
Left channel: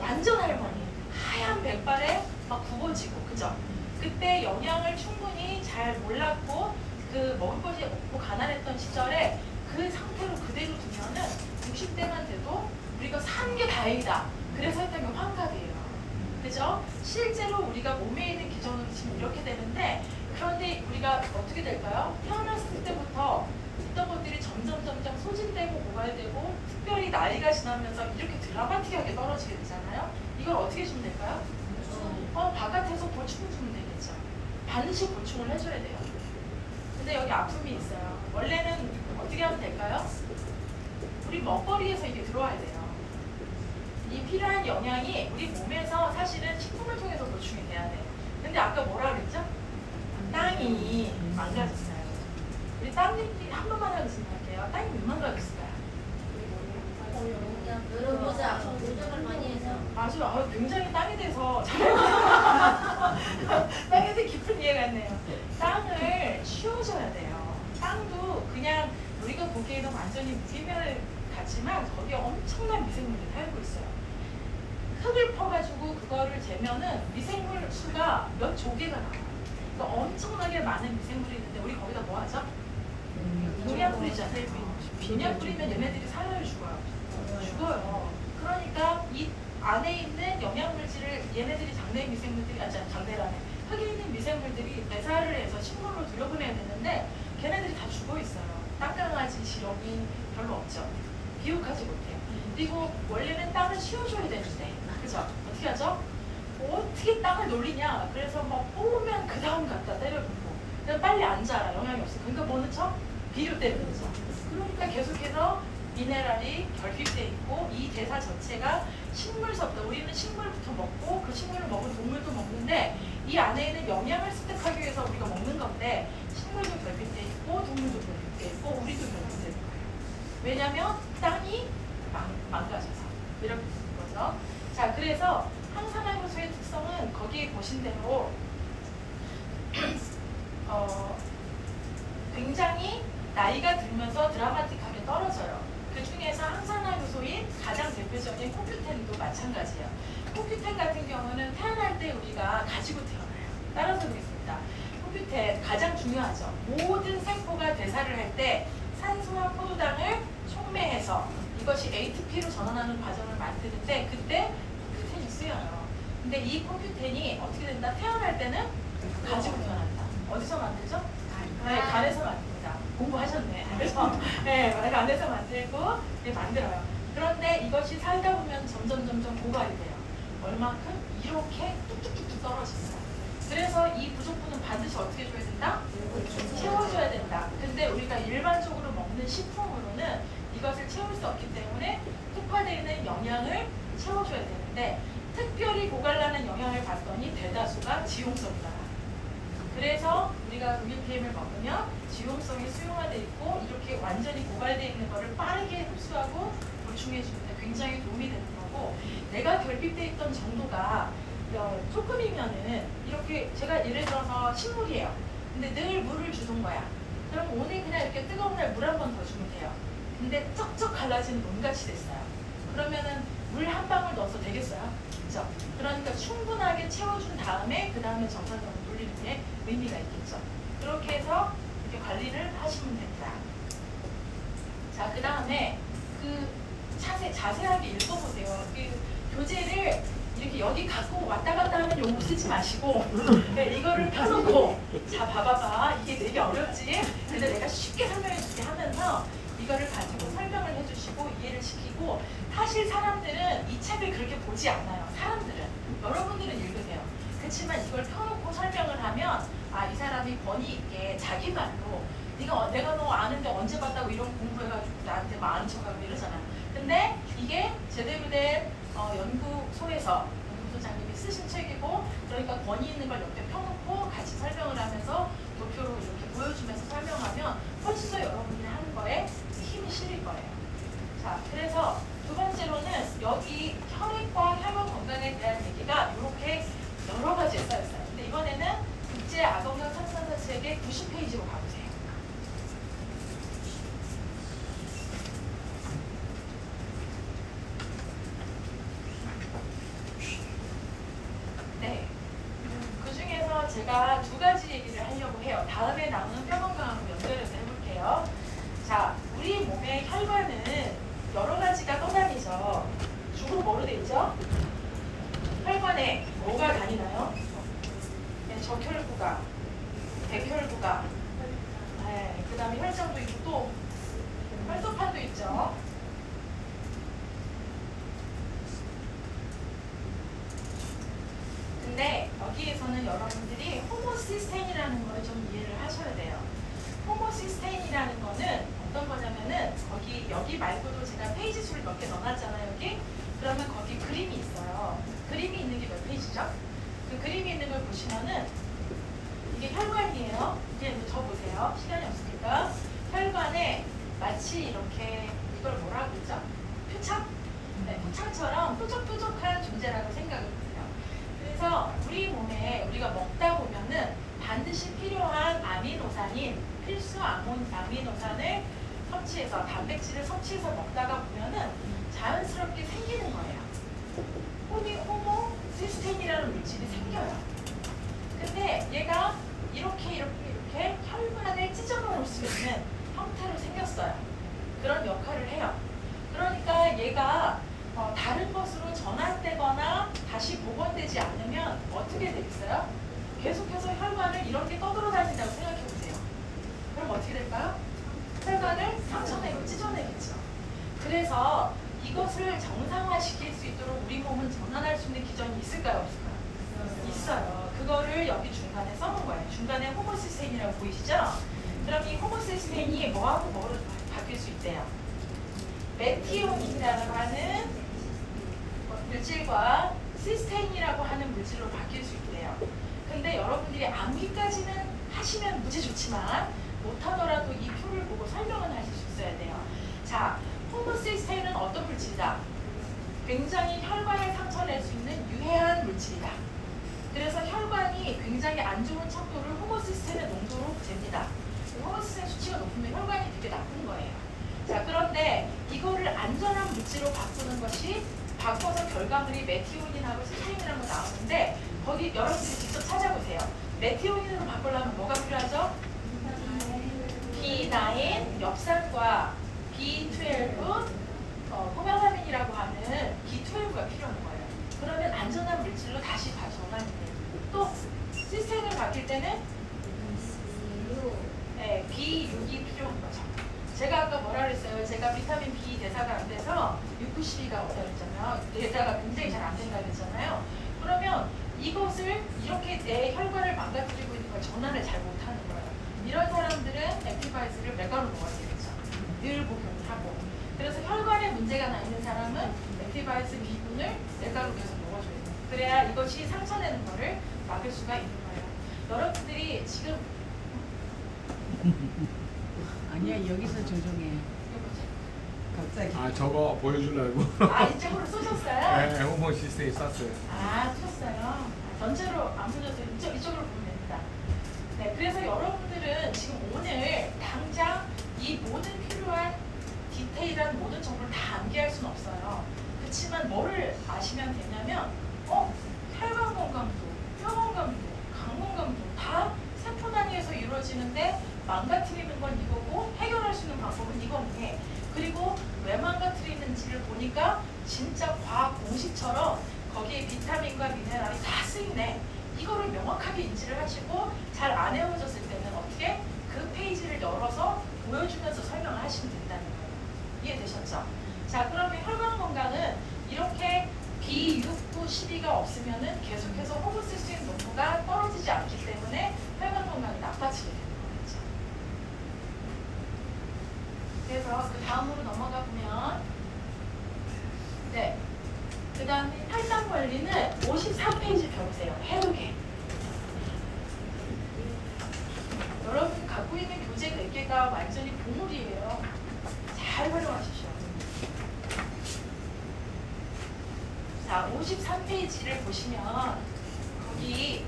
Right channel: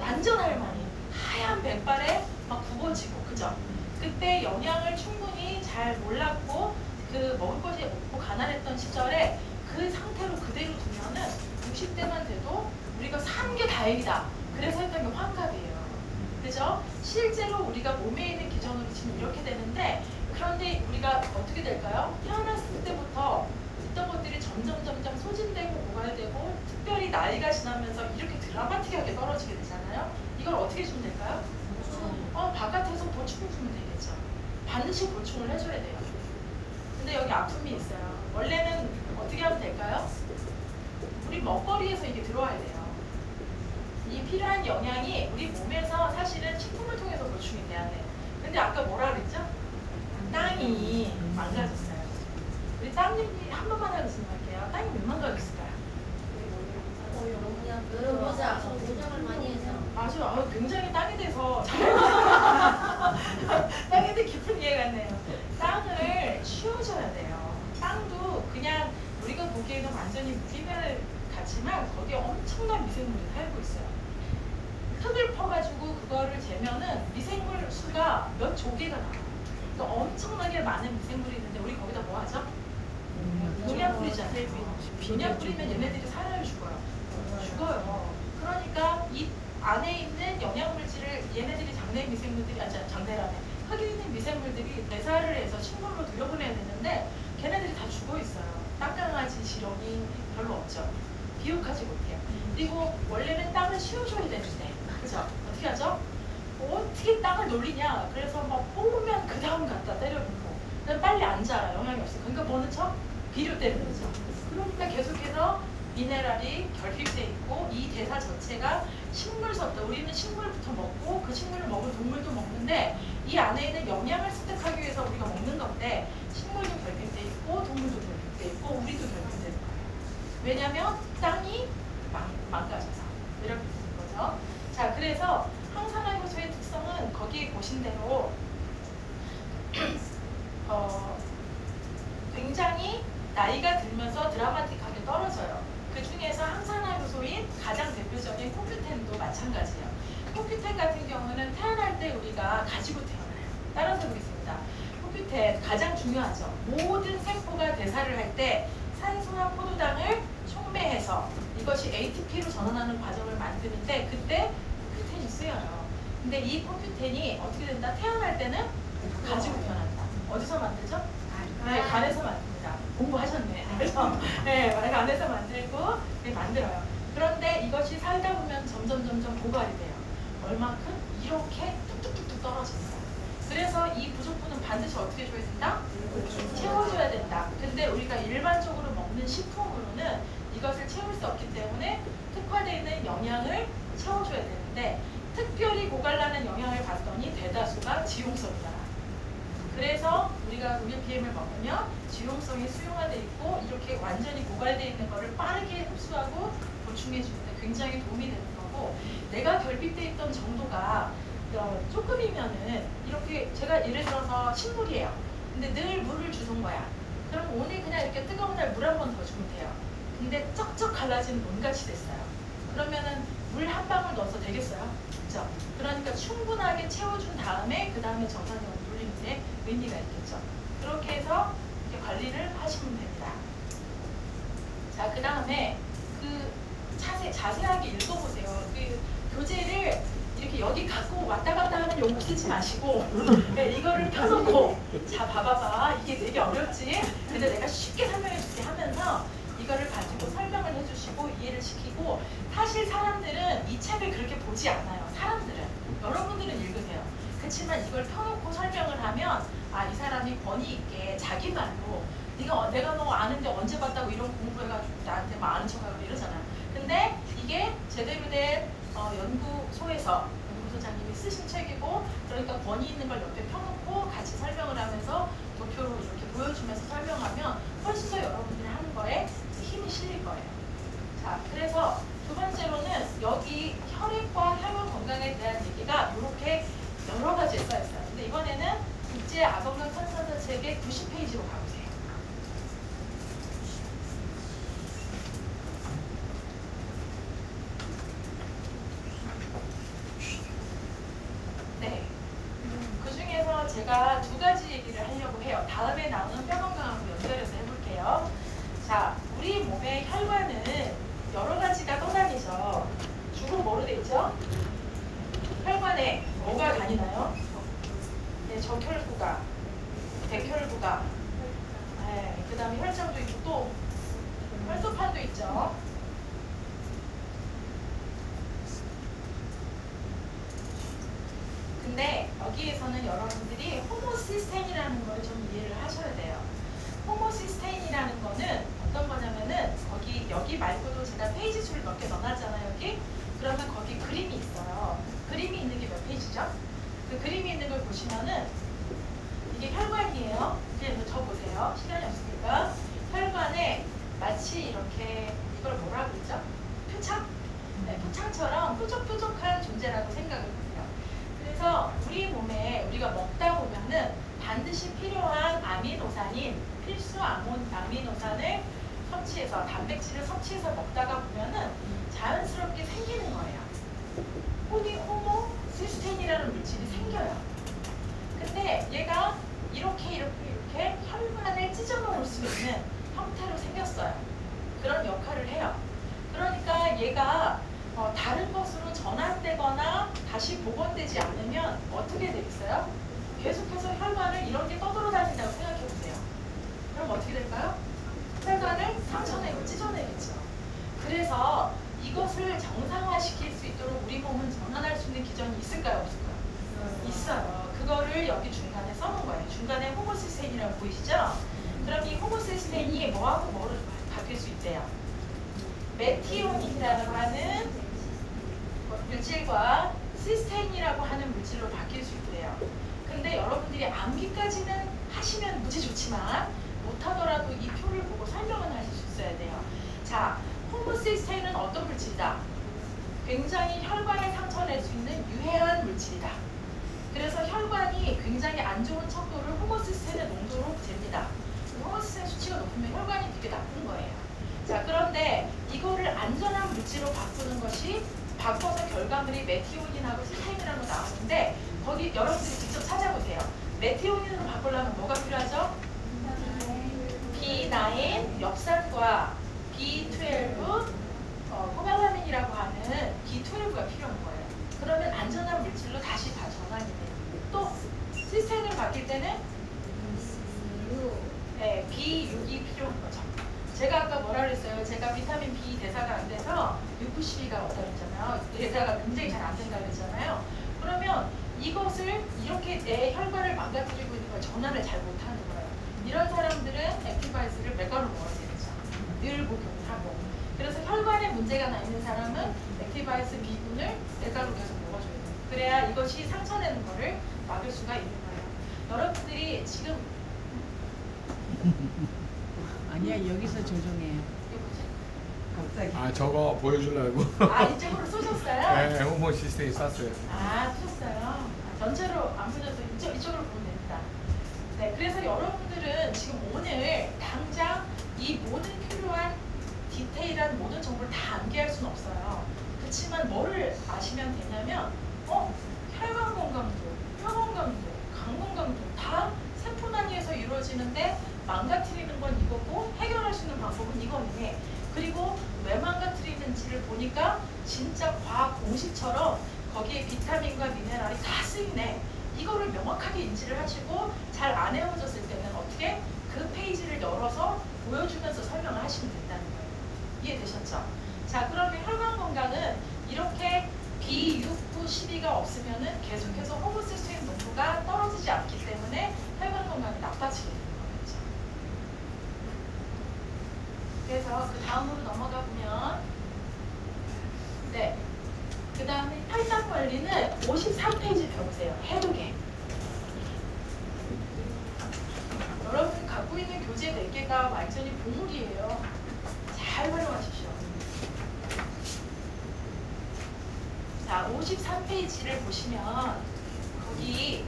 완전 할머니 하얀 백발에 막 굽어지고 그죠? 그때 영양을 충분히 잘 몰랐고 그 먹을 것이 없고 가난했던 시절에 그 상태로 그대로 두면은 60대만 돼도 우리가 산 게 다행이다. 그래서 했던 게 환갑이에요. 그죠? 실제로 우리가 몸에 있는 기전으로 지금 이렇게 되는데 그런데 우리가 어떻게 될까요? 태어났을 때부터 있던 것들이 점점 소진되고 고갈되고 특별히 나이가 지나면서 이렇게 드라마틱하게 떨어지게 되잖아요. 이걸 어떻게 주면 될까요? 바깥에서 보충을 주면 되겠죠. 반드시 보충을 해줘야 돼요. 근데 여기 아픔이 있어요. 원래는 어떻게 하면 될까요? 우리 먹거리에서 이게 들어와야 돼요. 이 필요한 영양이 우리 몸에서 사실은 식품을 통해서 보충이 돼야 돼요. 근데 아까 뭐라 그랬죠? 땅이 망가졌어요. 우리 땅 얘기 한 번만 하고 지나갈게요. 땅이 왜 망가졌을까요? 맞아요. 굉장히 땅에 대해서 땅에 대해 깊은 이해가 있네요. 땅을 치워줘야 돼요. 땅도 그냥 우리가 보기에는 완전히 무기별 같지만 거기에 엄청난 미생물이 살고 있어요. 흙을 퍼가지고 그거를 재면은 미생물 수가 몇 조개가 나와요. 그러니까 엄청나게 많은 미생물이 있는데 우리 거기다 뭐 하죠? 농약 뿌리잖아요. 농약 뿌리면 얘네들이 살아요, 죽어요. 그러니까 이 안에 있는 영양물질을 얘네들이 장내 미생물들이 장내라네. 흙에 있는 미생물들이 대사를 해서 식물로 들여보내야 되는데 걔네들이 다 죽어 있어요. 땅강아지 지렁이 별로 없죠. 비옥하지 못해요. 그리고 원래는 땅을 씌워줘야 되는데, 그죠? 어떻게 하죠? 어떻게 땅을 놀리냐? 그래서 막 뽑으면 그 다음 갖다 때려붓고, 그냥 빨리 안 자라, 영향이 없어. 그러니까 뭐 넣죠? 비료 때려넣죠. 그러니까 계속해서 미네랄이 결핍돼 있고 이 대사 자체가 식물서부터 우리는 식물부터 먹고 그 식물을 먹는 동물도 먹는데 이 안에 있는 영양을 습득하기 위해서 우리가 먹는 건데 식물도 결핍돼 있고 동물도 결핍돼 있고 우리도 결핍돼 있고 왜냐하면 땅이 망가져서 이렇게 되는 거죠. 자, 그래서 항산화효소의 특성은 거기에 보신 대로 굉장히 나이가 들면서 드라마틱하게 떨어져요. 그 중에서 항산화효소인 가장 대표적인 코큐텐도 마찬가지예요. 코큐텐 같은 경우는 태어날 때 우리가 가지고 태어나요. 따라서 보겠습니다. 코큐텐 가장 중요하죠. 모든 세포가 대사를 할 때 산소와 포도당을 촉매해서 이것이 ATP로 전환하는 과정을 만드는데 그때 코큐텐이 쓰여요. 근데 이 코큐텐이 어떻게 된다? 태어날 때는 가지고 태어난다. 어디서 만들죠? 간에서 만듭니다. 공부하셨네. 그래서 간에서 만들고 만들어요. 그런데 이것이 살다 보면 점점 고갈이 돼요. 얼마큼? 이렇게 뚝뚝뚝뚝 떨어지는 거예요. 그래서 이 부족분은 반드시 어떻게 줘야 된다? 채워줘야 된다. 근데 우리가 일반적으로 먹는 식품으로는 이것을 채울 수 없기 때문에 특화되어 있는 영양을 채워줘야 되는데 특별히 고갈라는 영양을 봤더니 대다수가 지용성이다. 그래서 우리가 UPM을 먹으면 지용성이 수용화되어 있고 이렇게 완전히 고갈되어 있는 것을 빠르게 흡수하고 보충해 주는데 굉장히 도움이 되는 거고 내가 결핍되어 있던 정도가 조금이면은 이렇게 제가 예를 들어서 식물이에요. 근데 늘 물을 주던 거야. 그럼 오늘 그냥 이렇게 뜨거운 날 물 한 번 더 주면 돼요. 근데 쩍쩍 갈라진 몸같이 됐어요. 그러면은 물 한 방울 넣어서 되겠어요? 그렇죠? 그러니까 충분하게 채워준 다음에 그 다음에 정상적으로 돌리는 게 의미가 있겠죠. 그렇게 해서 이렇게 관리를 하시면 됩니다. 자, 그 다음에 그 자세하게 읽어보세요. 그 교재를 이렇게 여기 갖고 왔다 갔다 하는 용어 쓰지 마시고 네, 이거를 펴놓고 자 봐봐봐 이게 되게 어렵지? 근데 내가 쉽게 설명해 줄게 하면서 이거를 가지고 설명을 해주시고 이해를 시키고 사실 사람들은 이 책을 그렇게 보지 않아요. 사람들은 여러분들은 읽으세요. 그렇지만 이걸 펴놓고 설명을 하면 아 이 사람이 권위 있게 자기 말로 내가 너 아는데 언제 봤다고 이런 공부해가지고 나한테 막 아는 척하고 이러잖아. 근데 이게 제대로 된 연구소에서 연구소장님이 쓰신 책이고 그러니까 권위 있는 걸 옆에 펴놓고 같이 설명을 하면서 도표로 이렇게 보여주면서 설명하면 훨씬 더 여러분들이 하는 거에 힘이 실릴 거예요. 자, 그래서 두 번째로는 여기 혈액과 혈관 건강에 대한 얘기가 이렇게 여러 가지에 써있어요. 근데 이번에는 국제 아동학 천상사 책의 90페이지로 가보세요. 네. 그 중에서 제가 두 가지 얘기를 하려고 해요. 다음에 나오는 뼈 건강하고 연결해서 해볼게요. 자, 우리 몸의 혈관은 여러 가지가 떠다니죠. 주로 뭐로 돼 있죠? 혈관에 뭐가 다니나요? 네, 적혈구가, 백혈구가, 네, 그 다음에 혈장도 있고 또 혈소판도 있죠. 근데 여기에서는 여러분들이 호모시스테인이라는 걸 좀 이해를 하셔야 돼요. 호모시스테인이라는 거는 어떤 거냐면은 여기 말고도 제가 페이지 수를 몇 개 넣어놨잖아요. 여기 그러면 거기 그림이 있어요. 그림이 있는 게 몇 페이지죠? 그 그림이 있는 걸 보시면은 이게 혈관이에요. 이제 저 보세요. 시간이 없으니까 혈관에 마치 이렇게 이걸 뭐라고 그러죠? 표창? 네, 표창처럼 뾰족뾰족한 존재라고 생각을 하세요. 그래서 우리 몸에 우리가 먹다 보면은 반드시 필요한 아미노산인 필수 아미노산을 섭취해서 단백질을 섭취해서 먹다가 보면은 자연스럽게 생기는 거예요. 호모시스테인이라는 물질이 생겨요. 근데 얘가 이렇게 혈관을 찢어놓을 수 있는 형태로 생겼어요. 그런 역할을 해요. 그러니까 얘가 다른 것으로 전환되거나 다시 복원되지 않으면 어떻게 되겠어요? 계속해서 혈관을 이렇게 떠돌아다닌다고 생각해 보세요. 그럼 어떻게 될까요? 혈관을 상처내고 찢어내겠죠. 그래서 이것을 정상화시킬 수 있도록 우리 몸은 전환할 수 있는 기전이 있을까요? 없을까요? 있어요. 그거를 여기 중간에 써놓은 거예요. 중간에 호모시스테인이라고 보이시죠? 그럼 이 호모시스테인이 뭐하고 뭐를 바뀔 수 있대요? 메티오닌이라고 하는 물질과 시스테인이라고 하는 물질로 바뀔 수 있대요. 근데 여러분들이 암기까지는 하시면 무지 좋지만 못하더라도 이 표를 보고 설명은 하실 수 있어야 돼요. 자, 호모시스테인은 어떤 물질이다? 굉장히 혈관에 상처낼 수 있는 유해한 물질이다. 그래서 혈관이 굉장히 안 좋은 척도를 호모시스테인의 농도로 잽니다. 호모시스테인 수치가 높으면 혈관이 되게 나쁜 거예요. 자, 그런데 이거를 안전한 물질로 바꾸는 것이 바꿔서 결과물이 메티오닌하고 시스테인이라는 거 나오는데 거기 여러분들이 직접 찾아보세요. 메티오닌으로 바꾸려면 뭐가 필요하죠? B9 엽산과 B12 호메라민이라고 하는 B12가 필요한 거예요. 그러면 안전한 물질로 다시 전환이 돼요. 또 시스테인을 바뀔 때는 네, B6이 필요한 거죠. 제가 아까 뭐라 그랬어요? 제가 비타민 B 대사가 안 돼서 유쿠시리가 없다고 했잖아요. 대사가 굉장히 잘 안 된다고 했잖아요. 그러면 이것을 이렇게 내 혈관을 망가뜨리고 있는 걸 전환을 잘 못하는 거예요. 이런 사람들은 액티바이스를 맥가로 먹어야 되겠죠. 늘 복용하고. 그래서 혈관에 문제가 나 있는 사람은 액티바이스 B군을 맥가로 계속 먹어줘야 돼요. 그래야 이것이 상처내는 거를 막을 수가 있는 거예요. 여러분들이 지금 아니야 여기서 조종해. 이거지? 아 저거 보여주려고. 아 이쪽으로 쏘셨어요? 네, 호모 시스템 쐈어요. 아 쏘셨어요? 전체로 안 쏘셔서 이쪽으로 보면 됩니다. 네, 그래서 여러분들은 지금 오늘 당장 이 모든 필요한 디테일한 모든 정보를 다 암기할 수는 없어요. 그렇지만 뭐를 아시면 되냐면 혈관 건강도, 뼈 건강도, 간 건강도 다 세포 단위에서 이루어지는데 망가뜨리는 건 이거고 해결할 수 있는 방법은 이거네. 그리고 왜 망가뜨리는지를 보니까 진짜 과학 공식처럼 거기에 비타민과 미네랄이 다 쓰이네. 이거를 명확하게 인지를 하시고 잘 안 외워졌을 때는 어떻게 그 페이지를 열어서 보여주면서 설명을 하시면 된다는 거예요. 이해되셨죠? 자, 그러면 혈관 건강은 이렇게 B6, 9, 12가 없으면은 계속해서 호모시스템 농도가 떨어지지 않기 때문에 혈관 건강이 나빠지게 되는 거겠죠. 그래서 그 다음으로 넘어가 보면 네. 그 다음에 혈당 관리는 53페이지 배우세요. 해오개. 여러분 갖고 있는 교재 4개가 완전히 보물이에요. 잘 활용하십시오. 자, 53페이지를 보시면 거기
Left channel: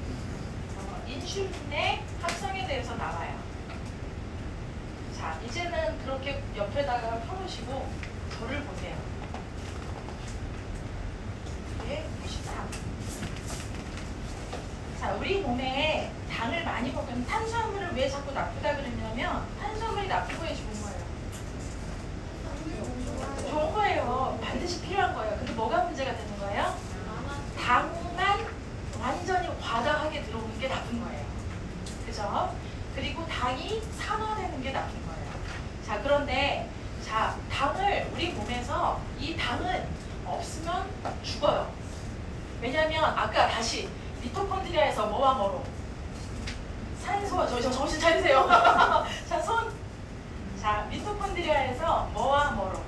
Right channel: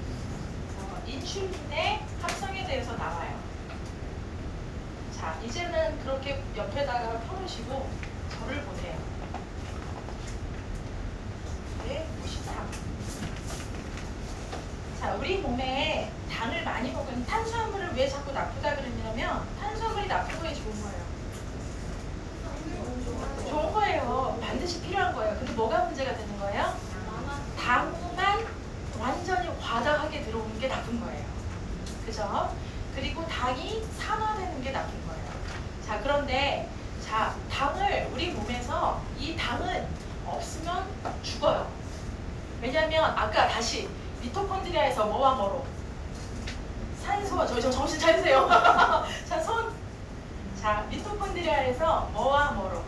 인슐린의 합성에 대해서 나와요. 자, 이제는 그렇게 옆에다가 펴놓으시고 저를 보세요. 네, 53. 자, 우리 몸에 당을 많이 먹으면 탄수화물을 왜 자꾸 나쁘다 그러냐면 탄수화물이 나쁜 거에 좋은 거예요. 좋은 거예요. 반드시 필요한 거예요. 근데 뭐가 문제가 되는 거예요? 당만 완전히 과다하게 들어오는 게 나쁜 거예요. 그죠? 그리고 당이 산화되는 게 나쁜 거예요. 자, 그런데 자, 당을 우리 몸에서 이 당은 없으면 죽어요. 왜냐면 아까 다시 미토콘드리아에서 뭐와 뭐로? 산소와 저 정신 차리세요. 자, 미토콘드리아에서 뭐와 뭐로?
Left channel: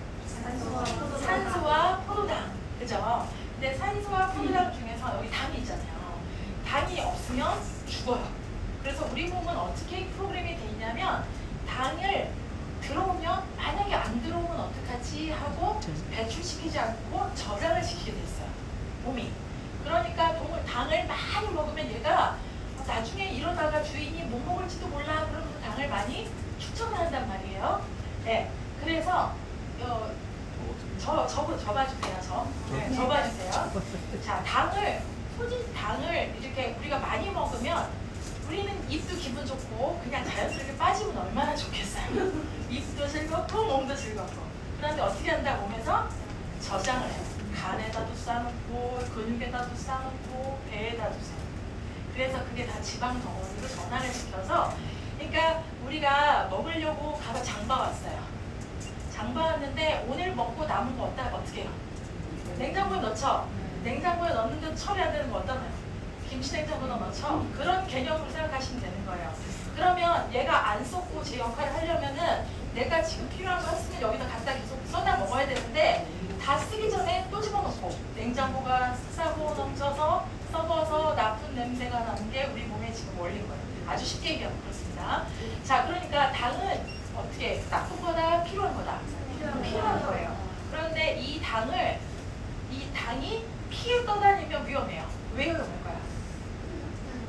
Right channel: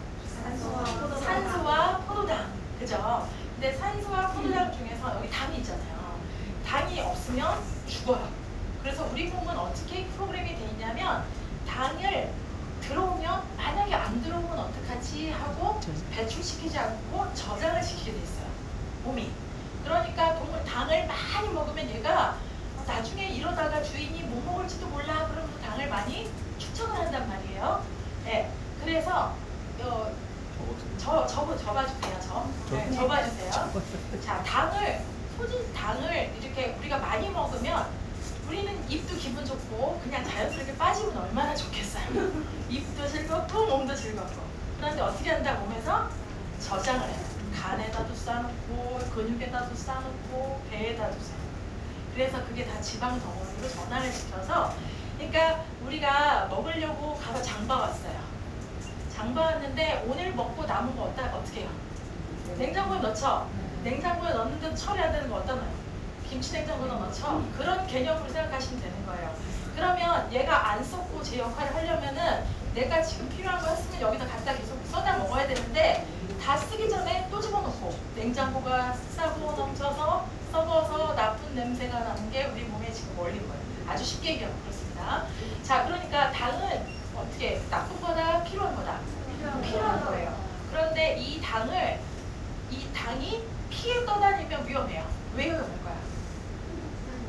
산소와 포도당. 그죠? 근데 산소와 포도당 중에서 여기 당이 있잖아요. 당이 없으면 죽어요. 그래서 우리 몸은 어떻게 프로그램이 돼 있냐면 당을 들어오면 만약에 안 들어오면 어떡하지 하고 배출시키지 않고 저장을 시키게 돼 있어요. 몸이. 그러니까 당을 많이 먹으면 얘가 나중에 이러다가 주인이 못 먹을지도 몰라 그러면 그 당을 많이 추천을 한단 말이에요. 네. 그래서 접어주세요. 네, 접어주세요. 자, 당을 이렇게 우리가 많이 먹으면 우리는 입도 기분 좋고 그냥 자연스럽게 빠지면 얼마나 좋겠어요. 입도 즐겁고 몸도 즐겁고. 그런데 어떻게 한다 몸에서 저장을 해요. 간에다도 싸놓고 근육에다도 싸놓고 배에다도 싸놓고. 그래서 그게 다 지방 덩어리로 전환을 시켜서 그러니까 우리가 먹으려고 가서 장 봐왔어요. 장 봐왔는데 오늘 먹고 남은 거 어떻게 해요? 냉장고에 넣죠? 냉장고에 넣는데 처리해야 되는 거 어떤 거예요? 김치 냉장고에 넣죠? 그런 개념으로 생각하시면 되는 거예요. 그러면 얘가 안 썩고 제 역할을 하려면은 내가 지금 필요한 거 했으면 여기다 갖다 계속 쏟아 먹어야 되는데 다 쓰기 전에 또 집어넣고 냉장고가 싸고 넘쳐서 썩어서 나쁜 냄새가 나는 게 우리 몸에 지금 올린 거예요. 아주 쉽게 얘기하면 그렇습니다. 자, 그러니까 당은 어떻게 나쁜 거다 필요한 거다? 필요한 거예요. 그런데 이 당이 피에 떠다니면 위험해요. 왜 위험할까요?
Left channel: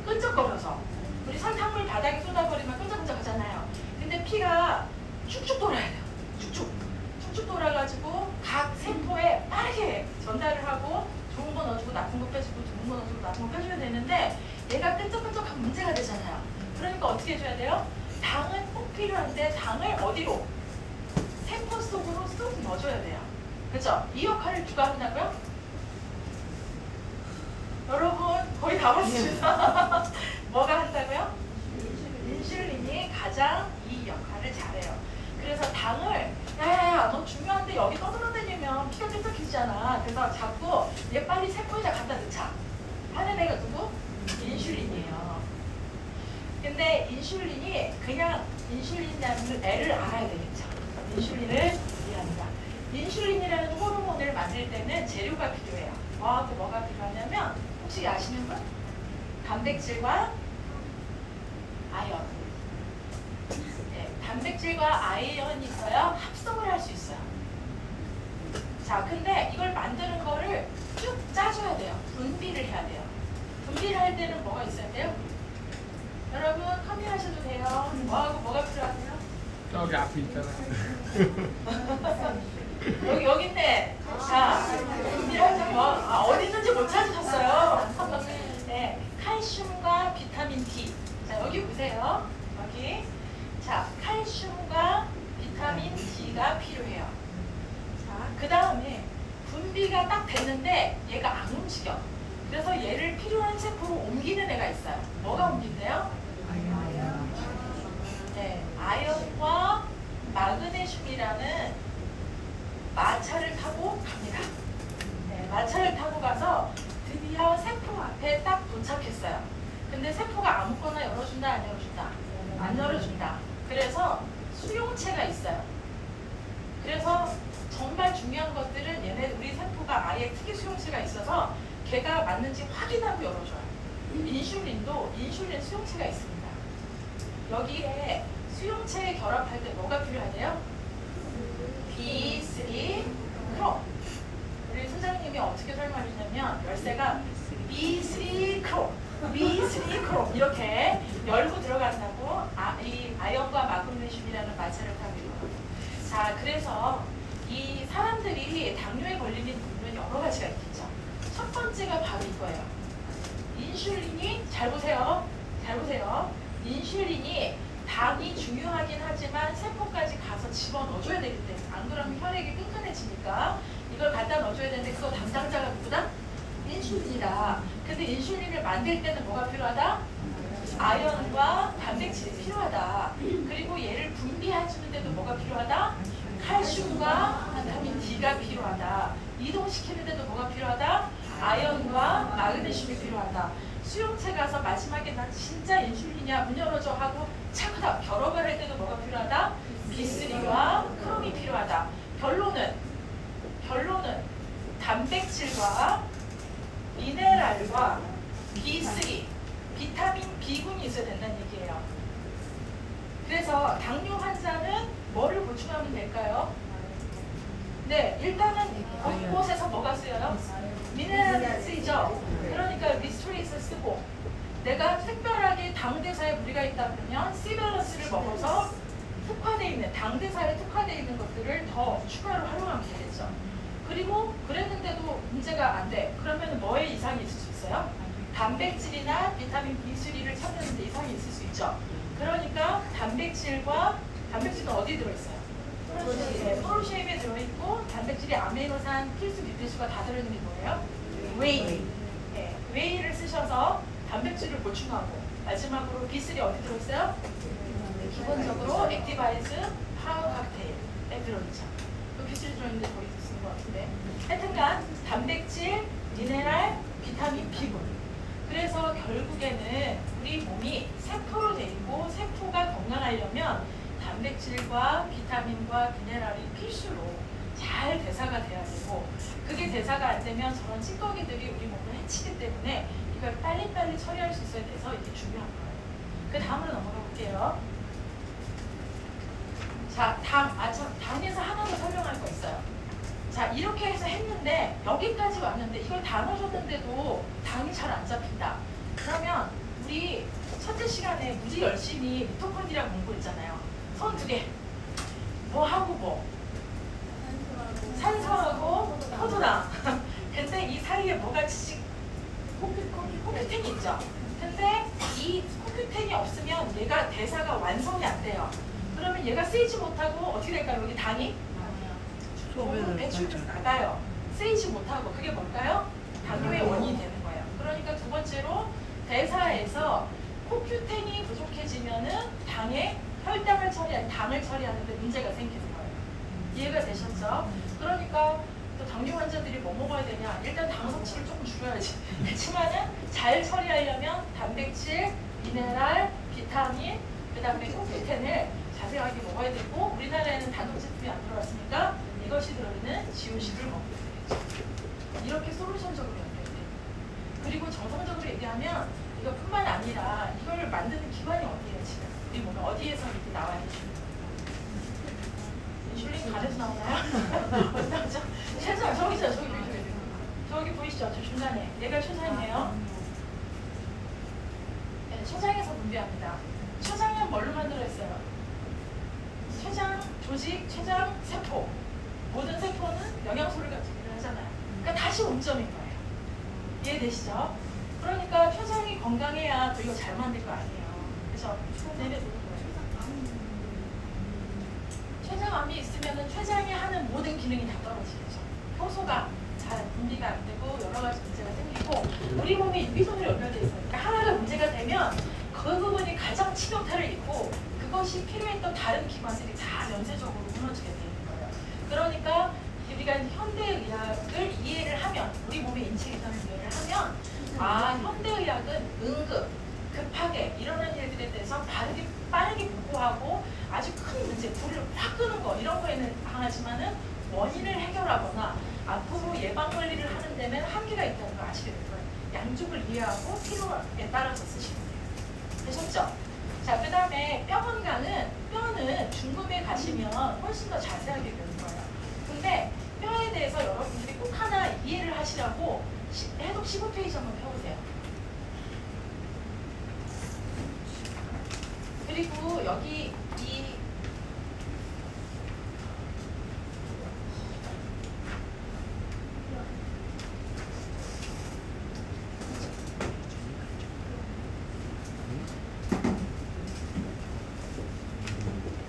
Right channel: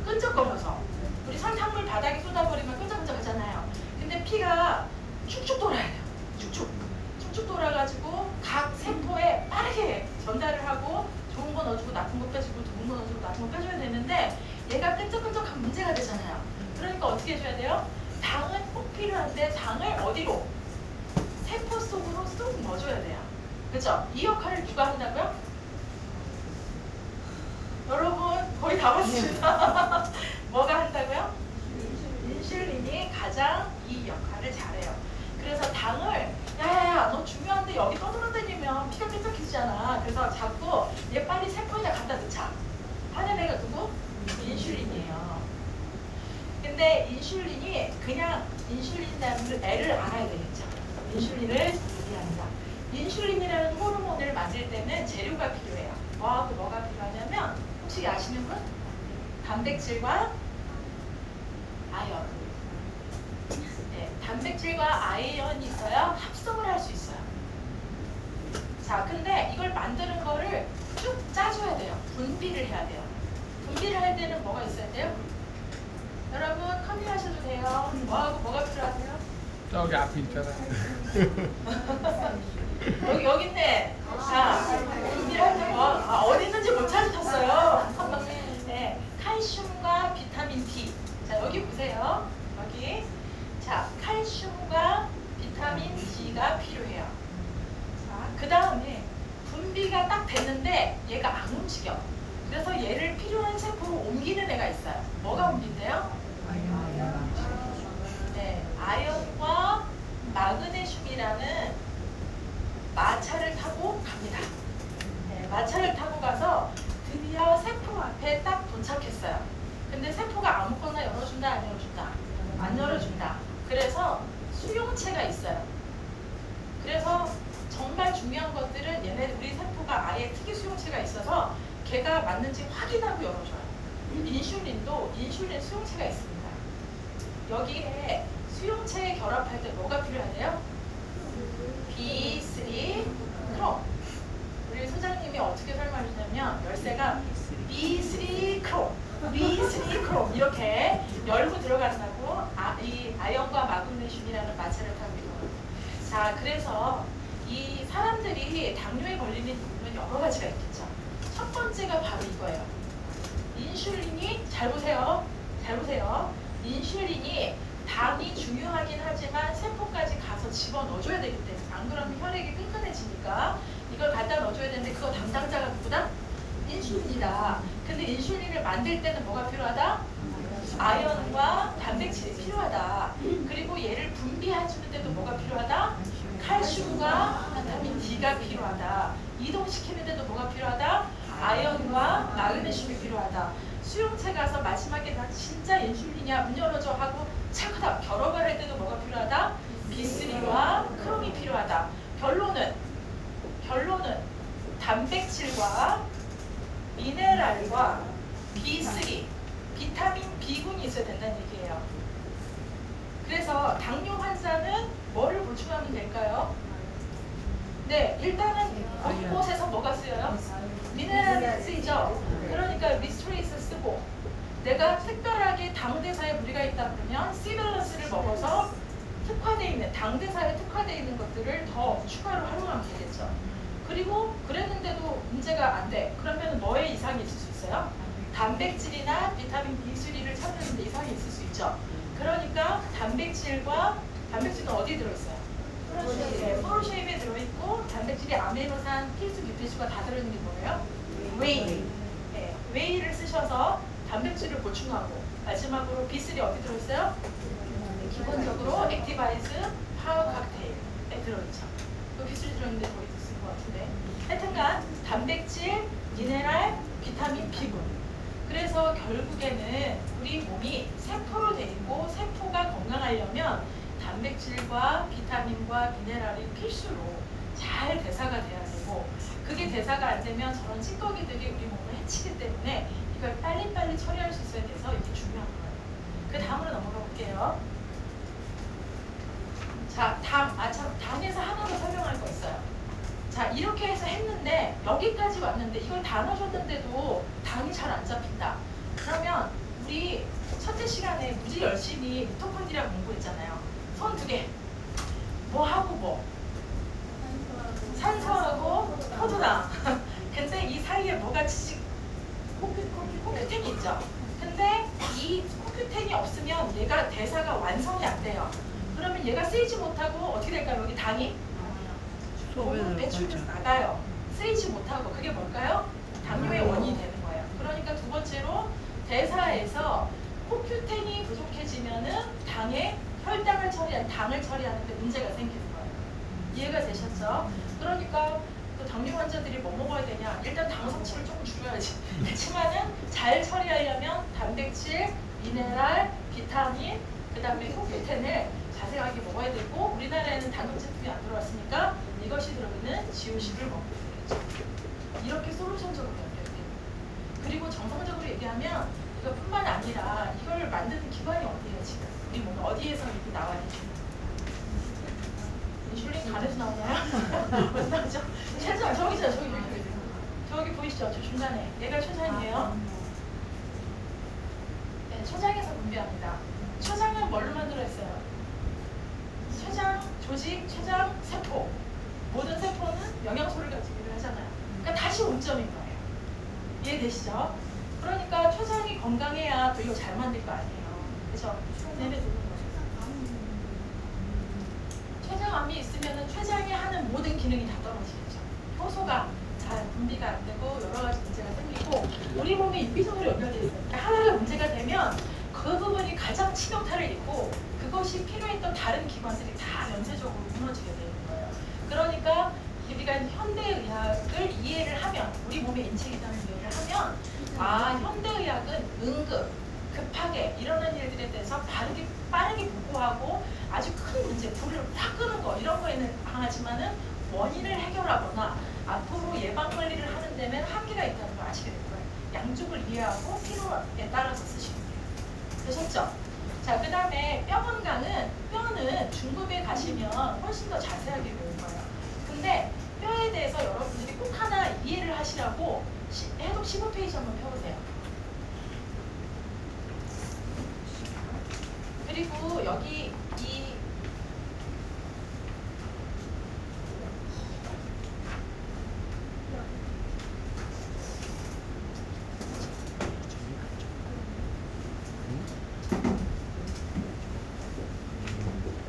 끈적거려서 우리 산탕물 바닥에 쏟아버리면 끈적끈적하잖아요. 근데 피가 쭉쭉 돌아야 돼요. 쭉쭉 돌아가지고 각 세포에 빠르게 전달을 하고 좋은 거 넣어주고 나쁜 거 빼주고 좋은 거 넣어주고 나쁜 거 빼줘야 되는데 얘가 끈적끈적한 문제가 되잖아요. 그러니까 어떻게 해줘야 돼요? 당은 꼭 필요한데 당을 어디로? 세포 속으로 쏙 넣어줘야 돼요. 그죠? 이 역할을 누가 한다고요? 여러분 거의 다 왔습니다. 뭐가 한다고요? 인슐린이 가장 이 역할을 잘해요. 그래서 당을 야야야 너 중요한데 여기 떠돌아다니면 피가 끈적해지잖아. 그래서 자꾸 얘 빨리 세포에다 갖다 넣자 근데 인슐린이 그냥 인슐린이라는 애를 알아야 되겠죠. 인슐린을 이해합니다. 인슐린이라는 호르몬을 만들 때는 재료가 필요해요. 뭐가 필요하냐면 혹시 아시는 분? 단백질과 아연. 네, 단백질과 아연이 있어야 합성을 할 수 있어요. 자, 근데 이걸 만드는 거를 쭉 짜줘야 돼요. 분비를 해야 돼요. 분비를 할 때는 뭐가 있어야 돼요? 여러분 컨택하셔도 돼요. 뭐가 필요하세요? 저기 앞에 있잖아. 여기 있네. 자, 분비를 할 때 어디 있는지 못 찾으셨어요. 네, 칼슘과 비타민 D. 자, 여기 보세요. 여기. 자, 칼슘과 비타민 D가 필요해요. 자, 그 다음에 분비가 딱 됐는데 얘가 안 움직여. 그래서 얘를 필요한 세포로 옮기는 애가 있어요. 뭐가 옮긴대요? 네, 아연과 마그네슘이라는 마차를 타고 갑니다. 네, 마차를 타고 가서 드디어 세포 앞에 딱 도착했어요. 근데 세포가 아무거나 열어준다, 안 열어준다? 안 열어준다. 그래서 수용체가 있어요. 그래서 정말 중요한 것들은 얘네 우리 세포가 아예 특이 수용체가 있어서 걔가 맞는지 확인하고 열어줘요. 인슐린 수용체가 있습니다. 여기에 수용체에 결합할 때 뭐가 필요하대요? B3 크롬. 우리 소장님이 어떻게 설명하시냐면 열쇠가 B3 크롬 이렇게 열고 들어간다고 이 아연과 마그네슘이라는 마찰을 타고 있어요. 자, 그래서 이 사람들이 당뇨에 걸리는 이유는 여러 가지가 있겠죠. 첫 번째가 바로 이거예요. 인슐린이 잘 보세요. 인슐린이 당이 중요하긴 하지만 세포까지 가서 집어 넣어줘야 되기 때문에 안 그러면 혈액이 끈끈해지니까 이걸 갖다 넣어줘야 되는데 그거 담당자가 누구다? 인슐린이다. 근데 인슐린을 만들 때는 뭐가 필요하다? 아연과 단백질이 필요하다. 그리고 얘를 분비해주는 데도 뭐가 필요하다? 칼슘과 비타민 D가 필요하다. 이동시키는 데도 뭐가 필요하다? 아연과 마그네슘이 필요하다. 수용체 가서 마지막에 나 진짜 인슐린이야 문 열어줘 하고 차크다 결합을 할 때는 뭐가 필요하다? B3와 크롬이 필요하다. 결론은 단백질과 미네랄과 B3, 비타민 B군이 있어야 된다는 얘기예요. 그래서 당뇨 환자는 뭐를 보충하면 될까요? 네, 일단은 곳곳에서 뭐가 쓰여요? 미네랄이 쓰이죠. 그러니까 리스토레이스를 쓰고 내가 특별하게 당대사에 무리가 있다 그러면 C밸런스를 먹어서 특화되어 있는 당대사에 특화되어 있는 것들을 더 추가로 활용하면 되겠죠. 그리고 그랬는데도 문제가 안 돼. 그러면 뭐에 이상이 있을 수 있어요? 단백질이나 비타민 B3를 찾는데 이상이 있을 수 있죠. 그러니까 단백질은 어디 들어있어요? 프로쉐입에 들어있고 단백질이 아미노산, 필수 유태수가 다 들어있는 게 뭐예요? 웨이. 네, 웨이를 쓰셔서 단백질을 보충하고 마지막으로 B3 어디 들어있어요? 기본적으로 액티바이즈 파워 칵테일에 들어있죠. 또 B3 들어있는데 거의 쓴 것 같은데. 하여튼간 단백질, 미네랄, 비타민 B군. 그래서 결국에는 우리 몸이 세포로 돼 있고 세포가 건강하려면 단백질과 비타민과 미네랄이 필수로 잘 대사가 돼야 되고 그게 대사가 안 되면 저런 찌꺼기들이 우리 몸을 해치기 때문에 이걸 빨리빨리 처리할 수 있어야 돼서 이게 중요한 거예요. 그 다음으로 넘어가 볼게요. 자, 당에서 하나 더 설명할 거 있어요. 자, 이렇게 해서 했는데 여기까지 왔는데 이걸 다 넣어줬는데도 당이 잘 안 잡힌다. 그러면 우리 첫째 시간에 무지 열심히 미토콘드리아 공부했잖아요. 손 두 개. 뭐 하고 뭐? 산소하고 포도당. 근데 이 사이에 뭐가 코큐텐이 있죠. 근데 이 코큐텐이 없으면 얘가 대사가 완성이 안 돼요. 그러면 얘가 쓰이지 못하고 어떻게 될까요? 여기 당이 배출돼서 나가요. 쓰이지 못하고 그게 뭘까요? 당뇨의 원인이 되는 거예요. 그러니까 두 번째로 대사에서 코큐텐이 부족해지면은 당을 처리하는데 문제가 생기는 거예요. 이해가 되셨죠? 그러니까 또 당뇨 환자들이 뭐 먹어야 되냐? 일단 당 섭취를 조금 줄여야지. 그렇지만은 잘 처리하려면 단백질, 미네랄, 비타민, 그다음에 코페텐을 자세하게 먹어야 되고 우리나라에는 단독 제품이 안 들어왔으니까 이것이 들어있는 지오씨를 먹게 되겠죠. 이렇게 솔루션적으로 연결돼요. 그리고 정성적으로 얘기하면 이것뿐만 아니라 이걸 만드는 기관이 어디예요 지금? 우리 몸 어디에서 이렇게 나와야 되죠? 인슐린 간에서 나오나요? 어디 나오죠? 췌장 저기죠 저기 보이시죠? 저 중간에 얘가 췌장이에요. 네, 췌장에서 분비합니다. 췌장은 뭘로 만들어있어요? 췌장, 조직, 췌장, 세포. 모든 세포는 영양소를 가지고 하잖아요. 그러니까 다시 옹점인 거예요. 이해되시죠? 그러니까 췌장이 건강해야 그리고 잘 만들 거 아니에요. 그죠? 네네. 췌장암이 있으면 췌장이 하는 모든 기능이 다 떨어지겠죠. 효소가 잘 분비가 안 되고 여러 가지 문제가 생기고 우리 몸에 인비적으로 연결돼 있어요. 그러니까 하나가 문제가 되면 그 부분이 가장 치명타를 입고 그것이 필요했던 다른 기관들이 다 연쇄적으로 무너지게 되는 거예요. 그러니까 우리가 현대의학을 이해를 하면 우리 몸의 인체에 있다는 이해를 하면 현대의학은 응급, 급하게 일어나는 일들에 대해서 빠르게 복구하고 아주 큰 문제, 불을 확 끄는 거 이런 거에는 강하지만은 원인을 해결하거나 앞으로 예방관리를 하는 데는 한계가 있다는 걸 아시게 될 거예요. 양쪽을 이해하고 필요에 따라서 쓰시면 돼요. 되셨죠? 자, 그 다음에 뼈 건강은 뼈는 중국에 가시면 훨씬 더 자세하게 배울 거예요. 근데 뼈에 대해서 여러분들이 꼭 하나 이해를 하시라고 해독 15페이지 한번 펴보세요. 그리고 여기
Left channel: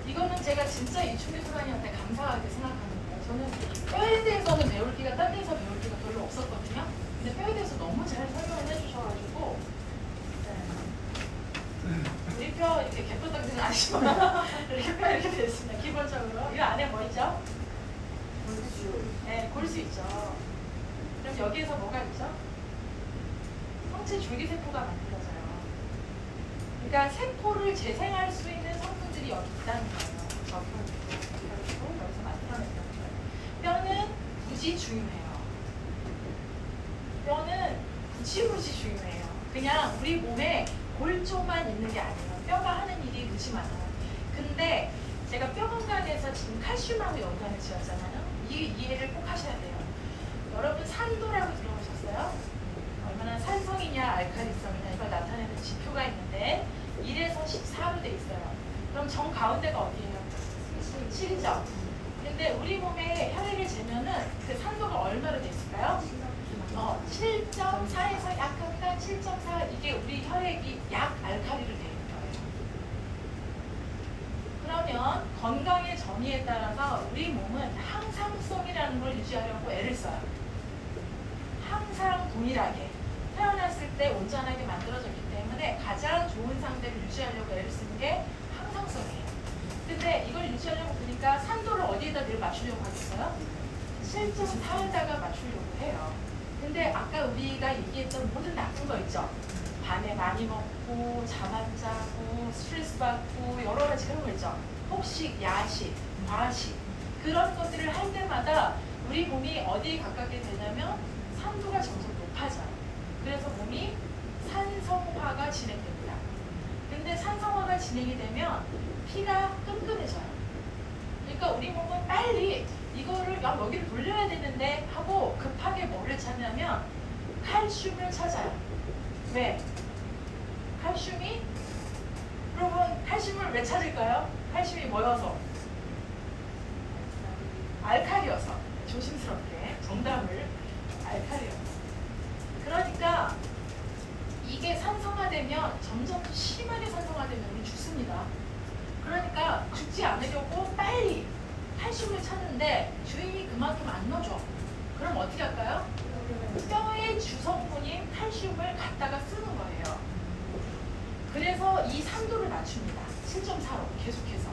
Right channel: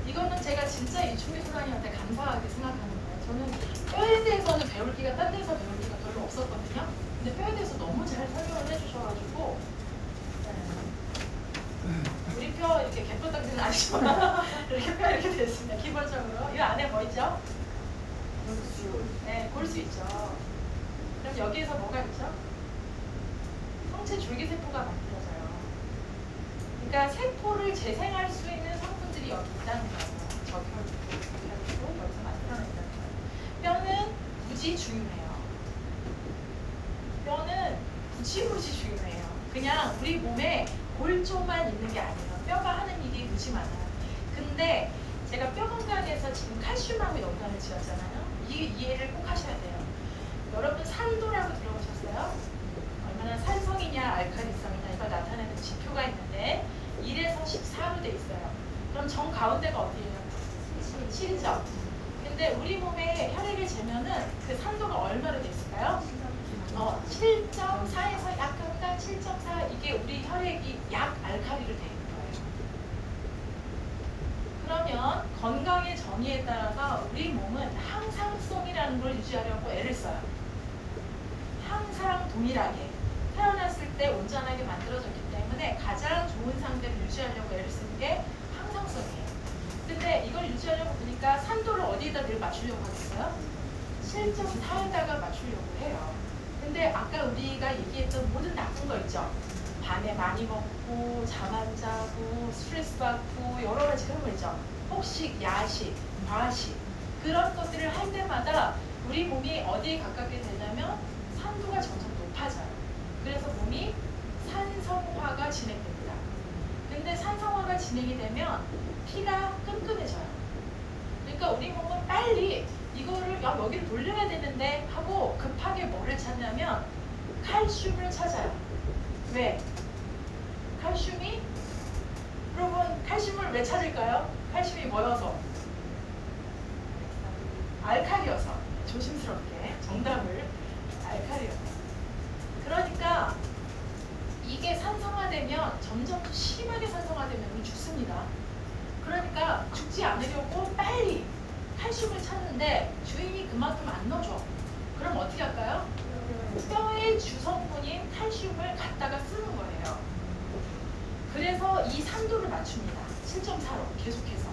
이거는 제가 진짜 이충기 소장님한테 감사하게 생각하는 거예요. 저는 뼈에 대해서는 배울 기가 딴 데서 배울 기가 별로 없었거든요. 근데 뼈에 대해서 너무 잘 설명을 해주셔가지고 우리 뼈 이렇게 갭도 당기는 아시죠? 이렇게 뼈 이렇게 됐습니다. 기본적으로 이 안에 뭐 있죠? 골수. 네, 골수 있죠. 그럼 여기에서 뭐가 있죠? 성체 줄기세포가 만들어져요. 그러니까 세포를 재생할 수 있는 성분들이 여기 있다는 거예요. 적혈고 여기서 만들어낸다는 거예요. 뼈는 무지 중요해요. 뼈는 무지 중요해요. 그냥 우리 몸에 골조만 있는 게 아니에요. 뼈가 하는 일이 무지 많아요. 근데 제가 뼈 건강에서 지금 칼슘하고 연관을 지었잖아요. 이 이해를 꼭 하셔야 돼요. 여러분 산도라고 들어보셨어요? 얼마나 산성이냐 알칼리성이냐가 나타내는 지표가 있는데 1에서 14로 돼 있어요. 그럼 정 가운데가 어디예요? 7점. 근데 우리 몸에 혈액을 재면은 그 산도가 얼마로 돼 있을까요? 7.4에서 약간 7.4 이게 우리 혈액이 약 알칼리로 돼 있는 거예요. 그러면 건강의 정의에 따라서 우리 몸은 항상성이라는 걸 유지하려고 애를 써요. 항상 동일하게 태어났을 때 온전하게 만들어졌기 때문에 가장 좋은 상태를 유지하려고 애를 쓰는 게 항상성이에요. 근데 이걸 유지하려고 보니까 산도를 어디에다 늘 맞추려고 하겠어요? 7.4에다가 맞추려고 해요. 근데 아까 우리가 얘기했던 모든 나쁜 거 있죠? 밤에 많이 먹고 잠 안 자고 스트레스 받고 여러 가지 그런 거 있죠? 폭식, 야식, 과식 그런 것들을 할 때마다 우리 몸이 어디에 가깝게 되냐면 산도가 점점 높아져요. 그래서 몸이 산성화가 진행됩니다. 근데 산성화가 진행이 되면 피가 끈끈해져요. 그러니까 우리 몸은 빨리 이거를 여기를 돌려야 되는데 하고 급하게 뭐를 찾냐면 칼슘을 찾아요. 왜? 칼슘이 여러분 칼슘을 왜 찾을까요? 칼슘이 뭐여서? 알칼리여서. 조심스럽게 정답을 알칼리여서. 그러니까 이게 산성화되면 점점 심하게 산성화되면 우리 죽습니다. 그러니까 죽지 않으려고 빨리 칼슘을 찾는데 주인이 그만큼 안 넣어줘. 그럼 어떻게 할까요? 뼈의 주성분인 칼슘을 갖다가 쓰는 거예요. 그래서 이 산도를 낮춥니다. 7.4로 계속해서.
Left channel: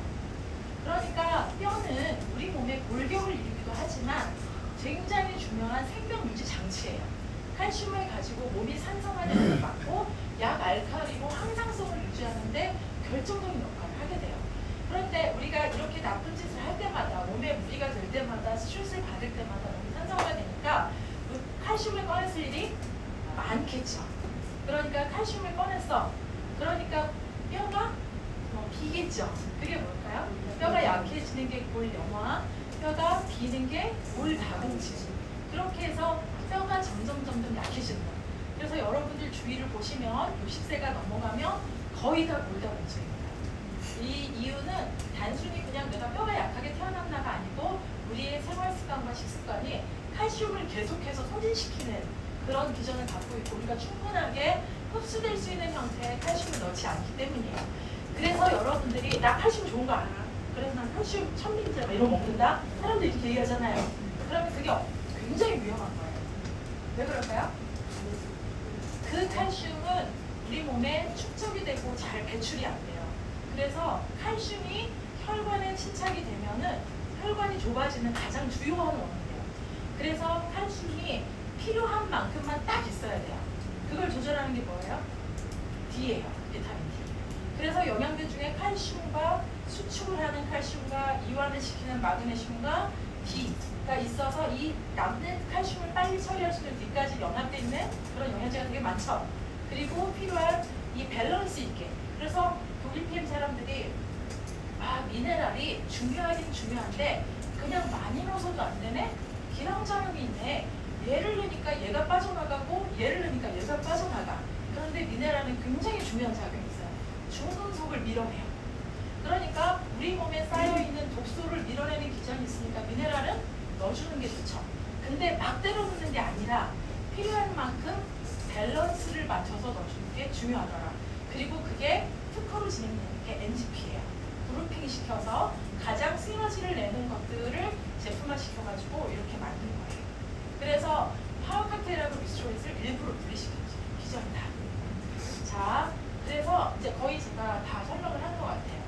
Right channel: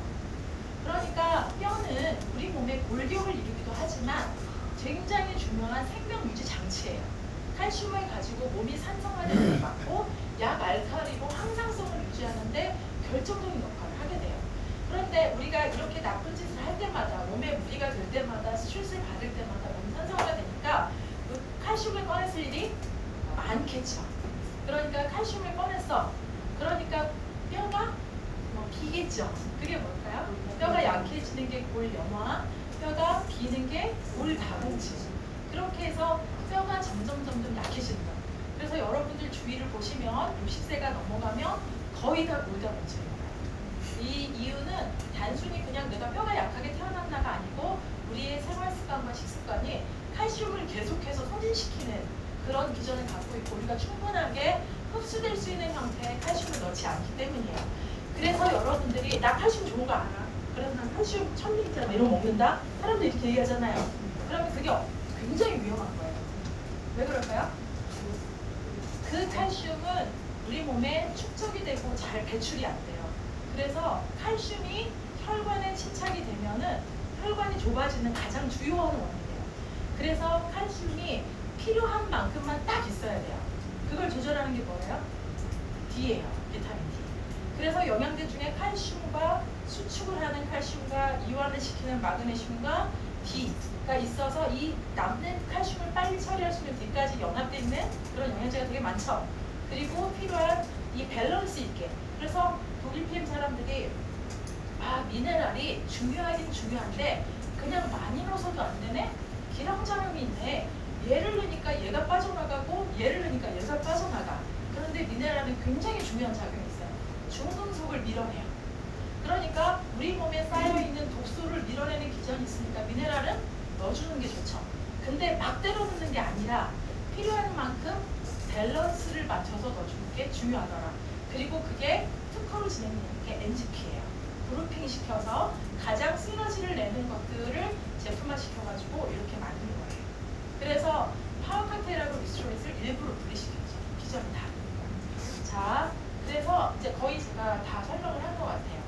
그러니까 뼈는 우리 몸에 골격을 이루기도 하지만 굉장히 중요한 생명유지 장치예요. 칼슘을 가지고 몸이 산성화되는 걸 막고 약 알칼리고 항상성을 유지하는데 우리가 이렇게 나쁜 짓을 할 때마다 몸에 무리가 될 때마다 스트레스를 받을 때마다 너무 산성화되니까 그 칼슘을 꺼냈을 일이 많겠죠. 그러니까 칼슘을 꺼냈어. 그러니까 뼈가 비겠죠. 그게 뭘까요? 뼈가 약해지는 게 골연화, 뼈가 비는 게 골다공증. 그렇게 해서 뼈가 점점 약해진다. 그래서 여러분들 주위를 보시면 60세가 넘어가면 거의 다 골다공증입니다. 이 이유는 단순히 그냥 내가 뼈가 약하게 태어났나가 아니고 우리의 생활 습관과 식습관이 칼슘을 계속해서 소진시키는 그런 기전을 갖고 있고 우리가 충분하게 흡수될 수 있는 형태의 칼슘을 넣지 않기 때문이에요. 그래서 여러분들이 나 칼슘 좋은 거 알아. 그래서 난 칼슘 1000mg 이런 거 먹는다. 사람들이 이렇게 얘기하잖아요. 그러면 그게 굉장히 위험한 거예요. 왜 그럴까요? 그 칼슘은 우리 몸에 축적이 되고 잘 배출이 안 돼요. 그래서 칼슘이 혈관에 침착이 되면은 혈관이 좁아지는 가장 주요한 원인이에요. 그래서 칼슘이 필요한 만큼만 딱 있어야 돼요. 그걸 조절하는 게 뭐예요? D예요. 비타민 D. 그래서 영양제 중에 칼슘과 수축을 하는 칼슘과 이완을 시키는 마그네슘과 D가 있어서 이 남는 칼슘을 빨리 처리할 수 있는 D까지 연합되어 있는 그런 영양제가 되게 많죠. 그리고 필요한 이 밸런스 있게. 그래서 독일 PM 사람들이 미네랄이 중요하긴 중요한데 그냥 많이 넣어서도 안 되네? 기능작용이 있네. 얘를 넣으니까 얘가 빠져나가고 얘를 넣으니까 얘가 빠져나가. 그런데 미네랄은 굉장히 중요한 작용이 있어요. 중금속을 밀어내요. 그러니까 우리 몸에 쌓여있는 독소를 밀어내는 기전이 있으니까 미네랄은 넣어주는 게 좋죠. 근데 막 때려 넣는 게 아니라 필요한 만큼 밸런스를 맞춰서 넣어주는 게 중요하더라. 그리고 그게 특허로 진행되는 게 NGP예요. 그룹핑 시켜서 가장 시너지를 내는 것들을 제품화 시켜가지고 이렇게 만든 거예요. 그래서 파워카테라고 미스트롤릿을 일부러 분리시켰죠. 기전이다. 자, 그래서 이제 거의 제가 다 설명을 한 것 같아요.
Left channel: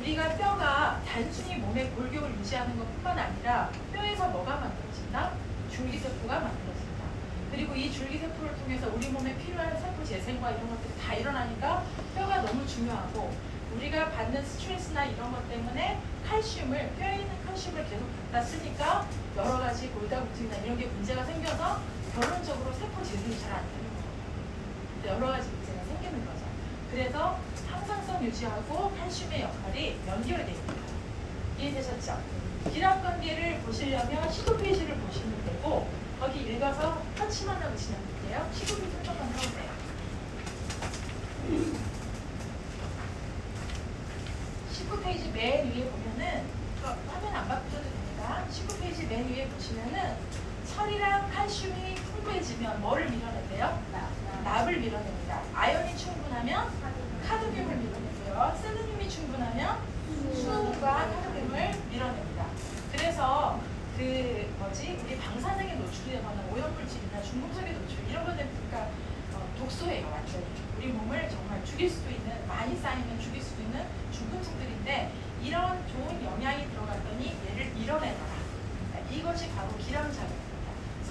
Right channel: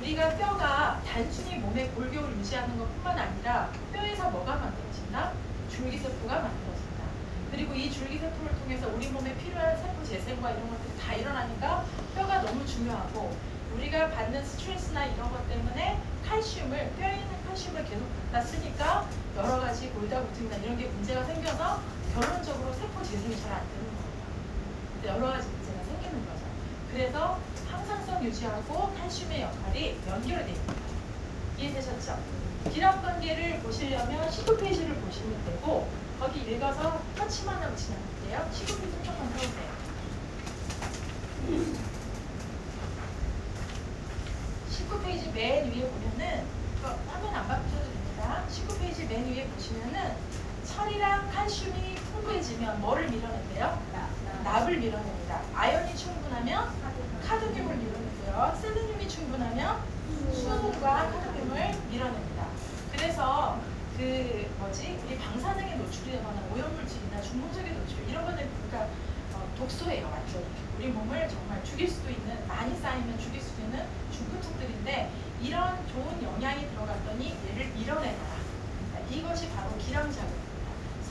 우리가 뼈가 단순히 몸의 골격을 유지하는 것뿐만 아니라 뼈에서 뭐가 만들어진다? 줄기세포가 만들어진다. 그리고 이 줄기세포를 통해서 우리 몸에 필요한 세포 재생과 이런 것들이 다 일어나니까 뼈가 너무 중요하고 우리가 받는 스트레스나 이런 것 때문에 칼슘을 뼈에 있는 칼슘을 계속 갖다 쓰니까 여러 가지 골다공증이나 이런 게 문제가 생겨서 결론적으로 세포 재생이 잘 안 되는 거예요. 여러 가지 문제가 생기는 거죠. 그래서 항상성 유지하고 칼슘의 역할이 연결되어 있습니다. 이해되셨죠? 기량관계를 보시려면 19페이지를 보시면 되고 거기 읽어서 터치만 하고 진행할게요. 19페이지 조금만 해보세요. 19페이지 맨 위에 보면은 화면 안 바꾸셔도 됩니다. 19페이지 맨 위에 보시면은 철이랑 칼슘이 풍부해지면 뭐를 밀어낸대요? 납을 밀어냅니다. 아연이 충분하면 카드뮴을 밀어내고요. 셀레늄이 충분하면 수과 카드뮴을 밀어냅니다. 그래서 우리 방사능에 노출되거나 오염물질이나 중금속에 노출 이런 거는 그러니까 독소예요, 완전히. 우리 몸을 정말 죽일 수도 있는 많이 쌓이면 죽일 수도 있는 중금속들인데 이런 좋은 영양이 들어갔더니 얘를 밀어내라. 이것이 바로 기량작용입니다.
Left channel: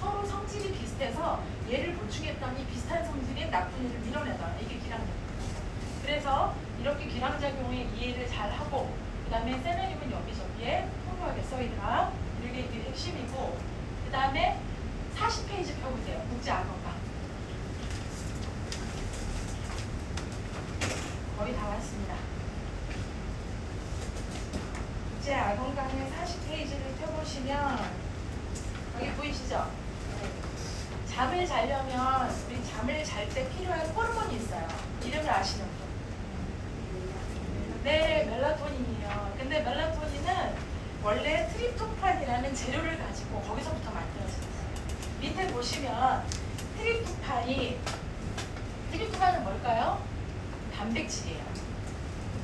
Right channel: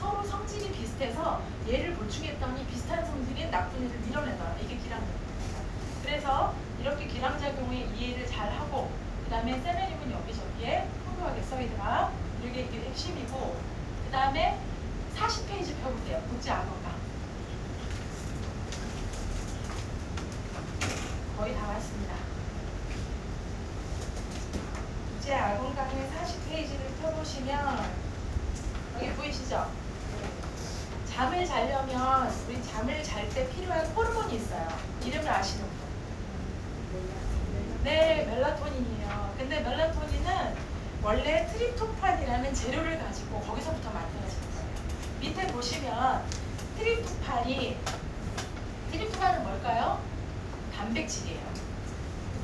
서로 성질이 비슷해서 얘를 보충했더니 비슷한 성질인 나쁜 얘를 밀어내라. 이게 기량작용입니다. 그래서 이렇게 기량작용의 이해를 잘 하고 그 다음에 셀레늄은 여기저기에 풍부하게 써있더라. 이게 핵심이고 그 다음에 40페이지 펴보세요. 국제 악어가 거의 다 왔습니다. 국제 악어강의 40페이지를 펴보시면 여기 보이시죠? 잠을 자려면 우리 잠을 잘 때 필요한 호르몬이 있어요. 이름을 아시는 분? 네, 멜라토닌이에요. 근데 멜라토닌은 원래 트립토판이라는 재료를 가지고 거기서부터 만들어진 거예요. 밑에 보시면 트립토판은 뭘까요? 단백질이에요.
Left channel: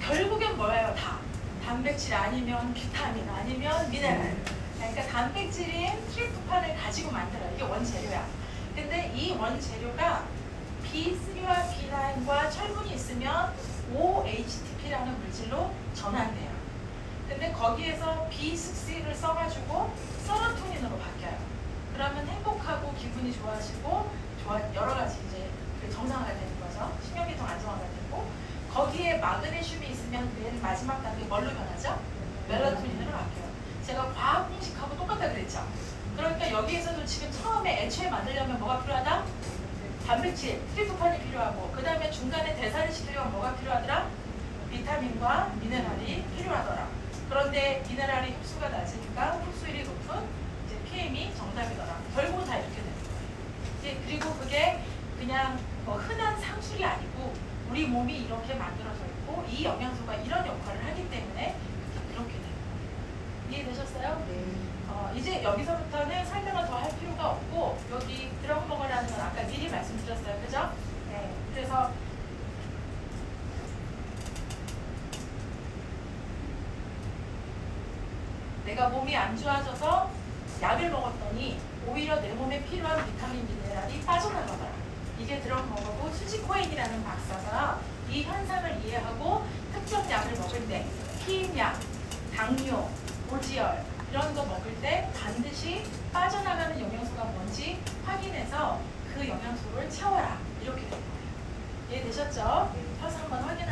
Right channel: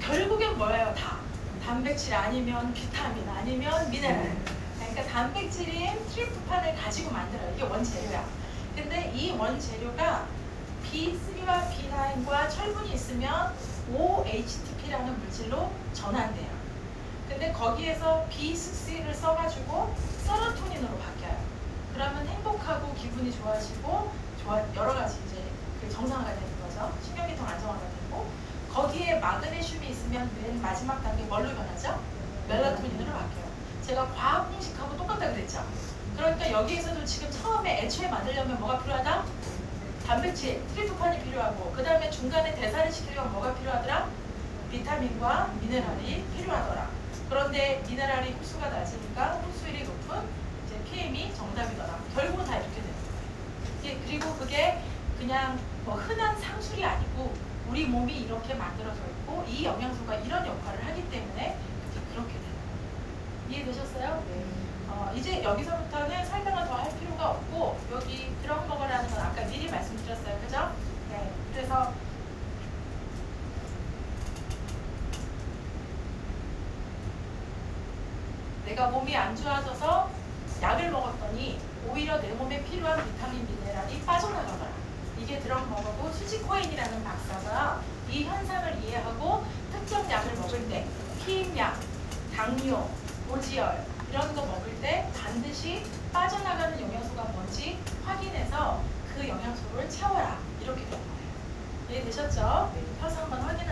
결국엔 뭐예요? 다. 단백질 아니면 비타민 아니면 미네랄. 그러니까 단백질인 트립토판을 가지고 만들어요. 이게 원재료야. 근데 이 원재료가 B3와 B9과 철분이 있으면 OHTP라는 물질로 전환돼요. 근데 거기에서 B6를 써가지고 세로토닌으로 바뀌어요. 그러면 행복하고 기분이 좋아지고 여러 가지 이제 정상화가 되는 거죠. 신경계통 안정화가 되고 거기에 마그네슘이 있으면 맨 마지막 단계 뭘로 변하죠? 멜라토닌으로 바뀌어요. 제가 과학 공식하고 똑같다 그랬죠. 그러니까 여기에서도 지금 처음에 애초에 만들려면 뭐가 필요하다? 단백질, 트리프토판이 필요하고 그 다음에 중간에 대사를 시키려면 뭐가 필요하더라? 비타민과 미네랄이 필요하더라. 그런데 미네랄이 흡수가 낮으니까 흡수율이 높은 이제 PM이 정답이더라. 결국은 다 이렇게 되는 거예요. 이제 그리고 그게 그냥 뭐 흔한 상술이 아니고 우리 몸이 이렇게 만들어져 있고 이 영양소가 이런 역할을 하기 때문에 그렇게 되는 거예요. 이해되셨어요? 이제 여기서부터는 설명을 더 할 필요가 없고 여기 드럼 먹으라는 건 아까 미리 말씀드렸어요. 그죠? 네. 그래서 내가 몸이 안 좋아져서 약을 먹었더니 오히려 내 몸에 필요한 비타민 미네랄이 빠져나가더라. 이게 드럼 먹어도 수지 코엔이라는 박사가 이 현상을 이해하고 특정 약을 먹을 때 피임약, 당뇨, 고지혈 이런 거 먹을 때 반드시 빠져나가는 영양소가 뭔지 확인해서 그 영양소를 채워라. 이렇게 됩니다. 이해되셨죠? 펴서 한번 확인하세요.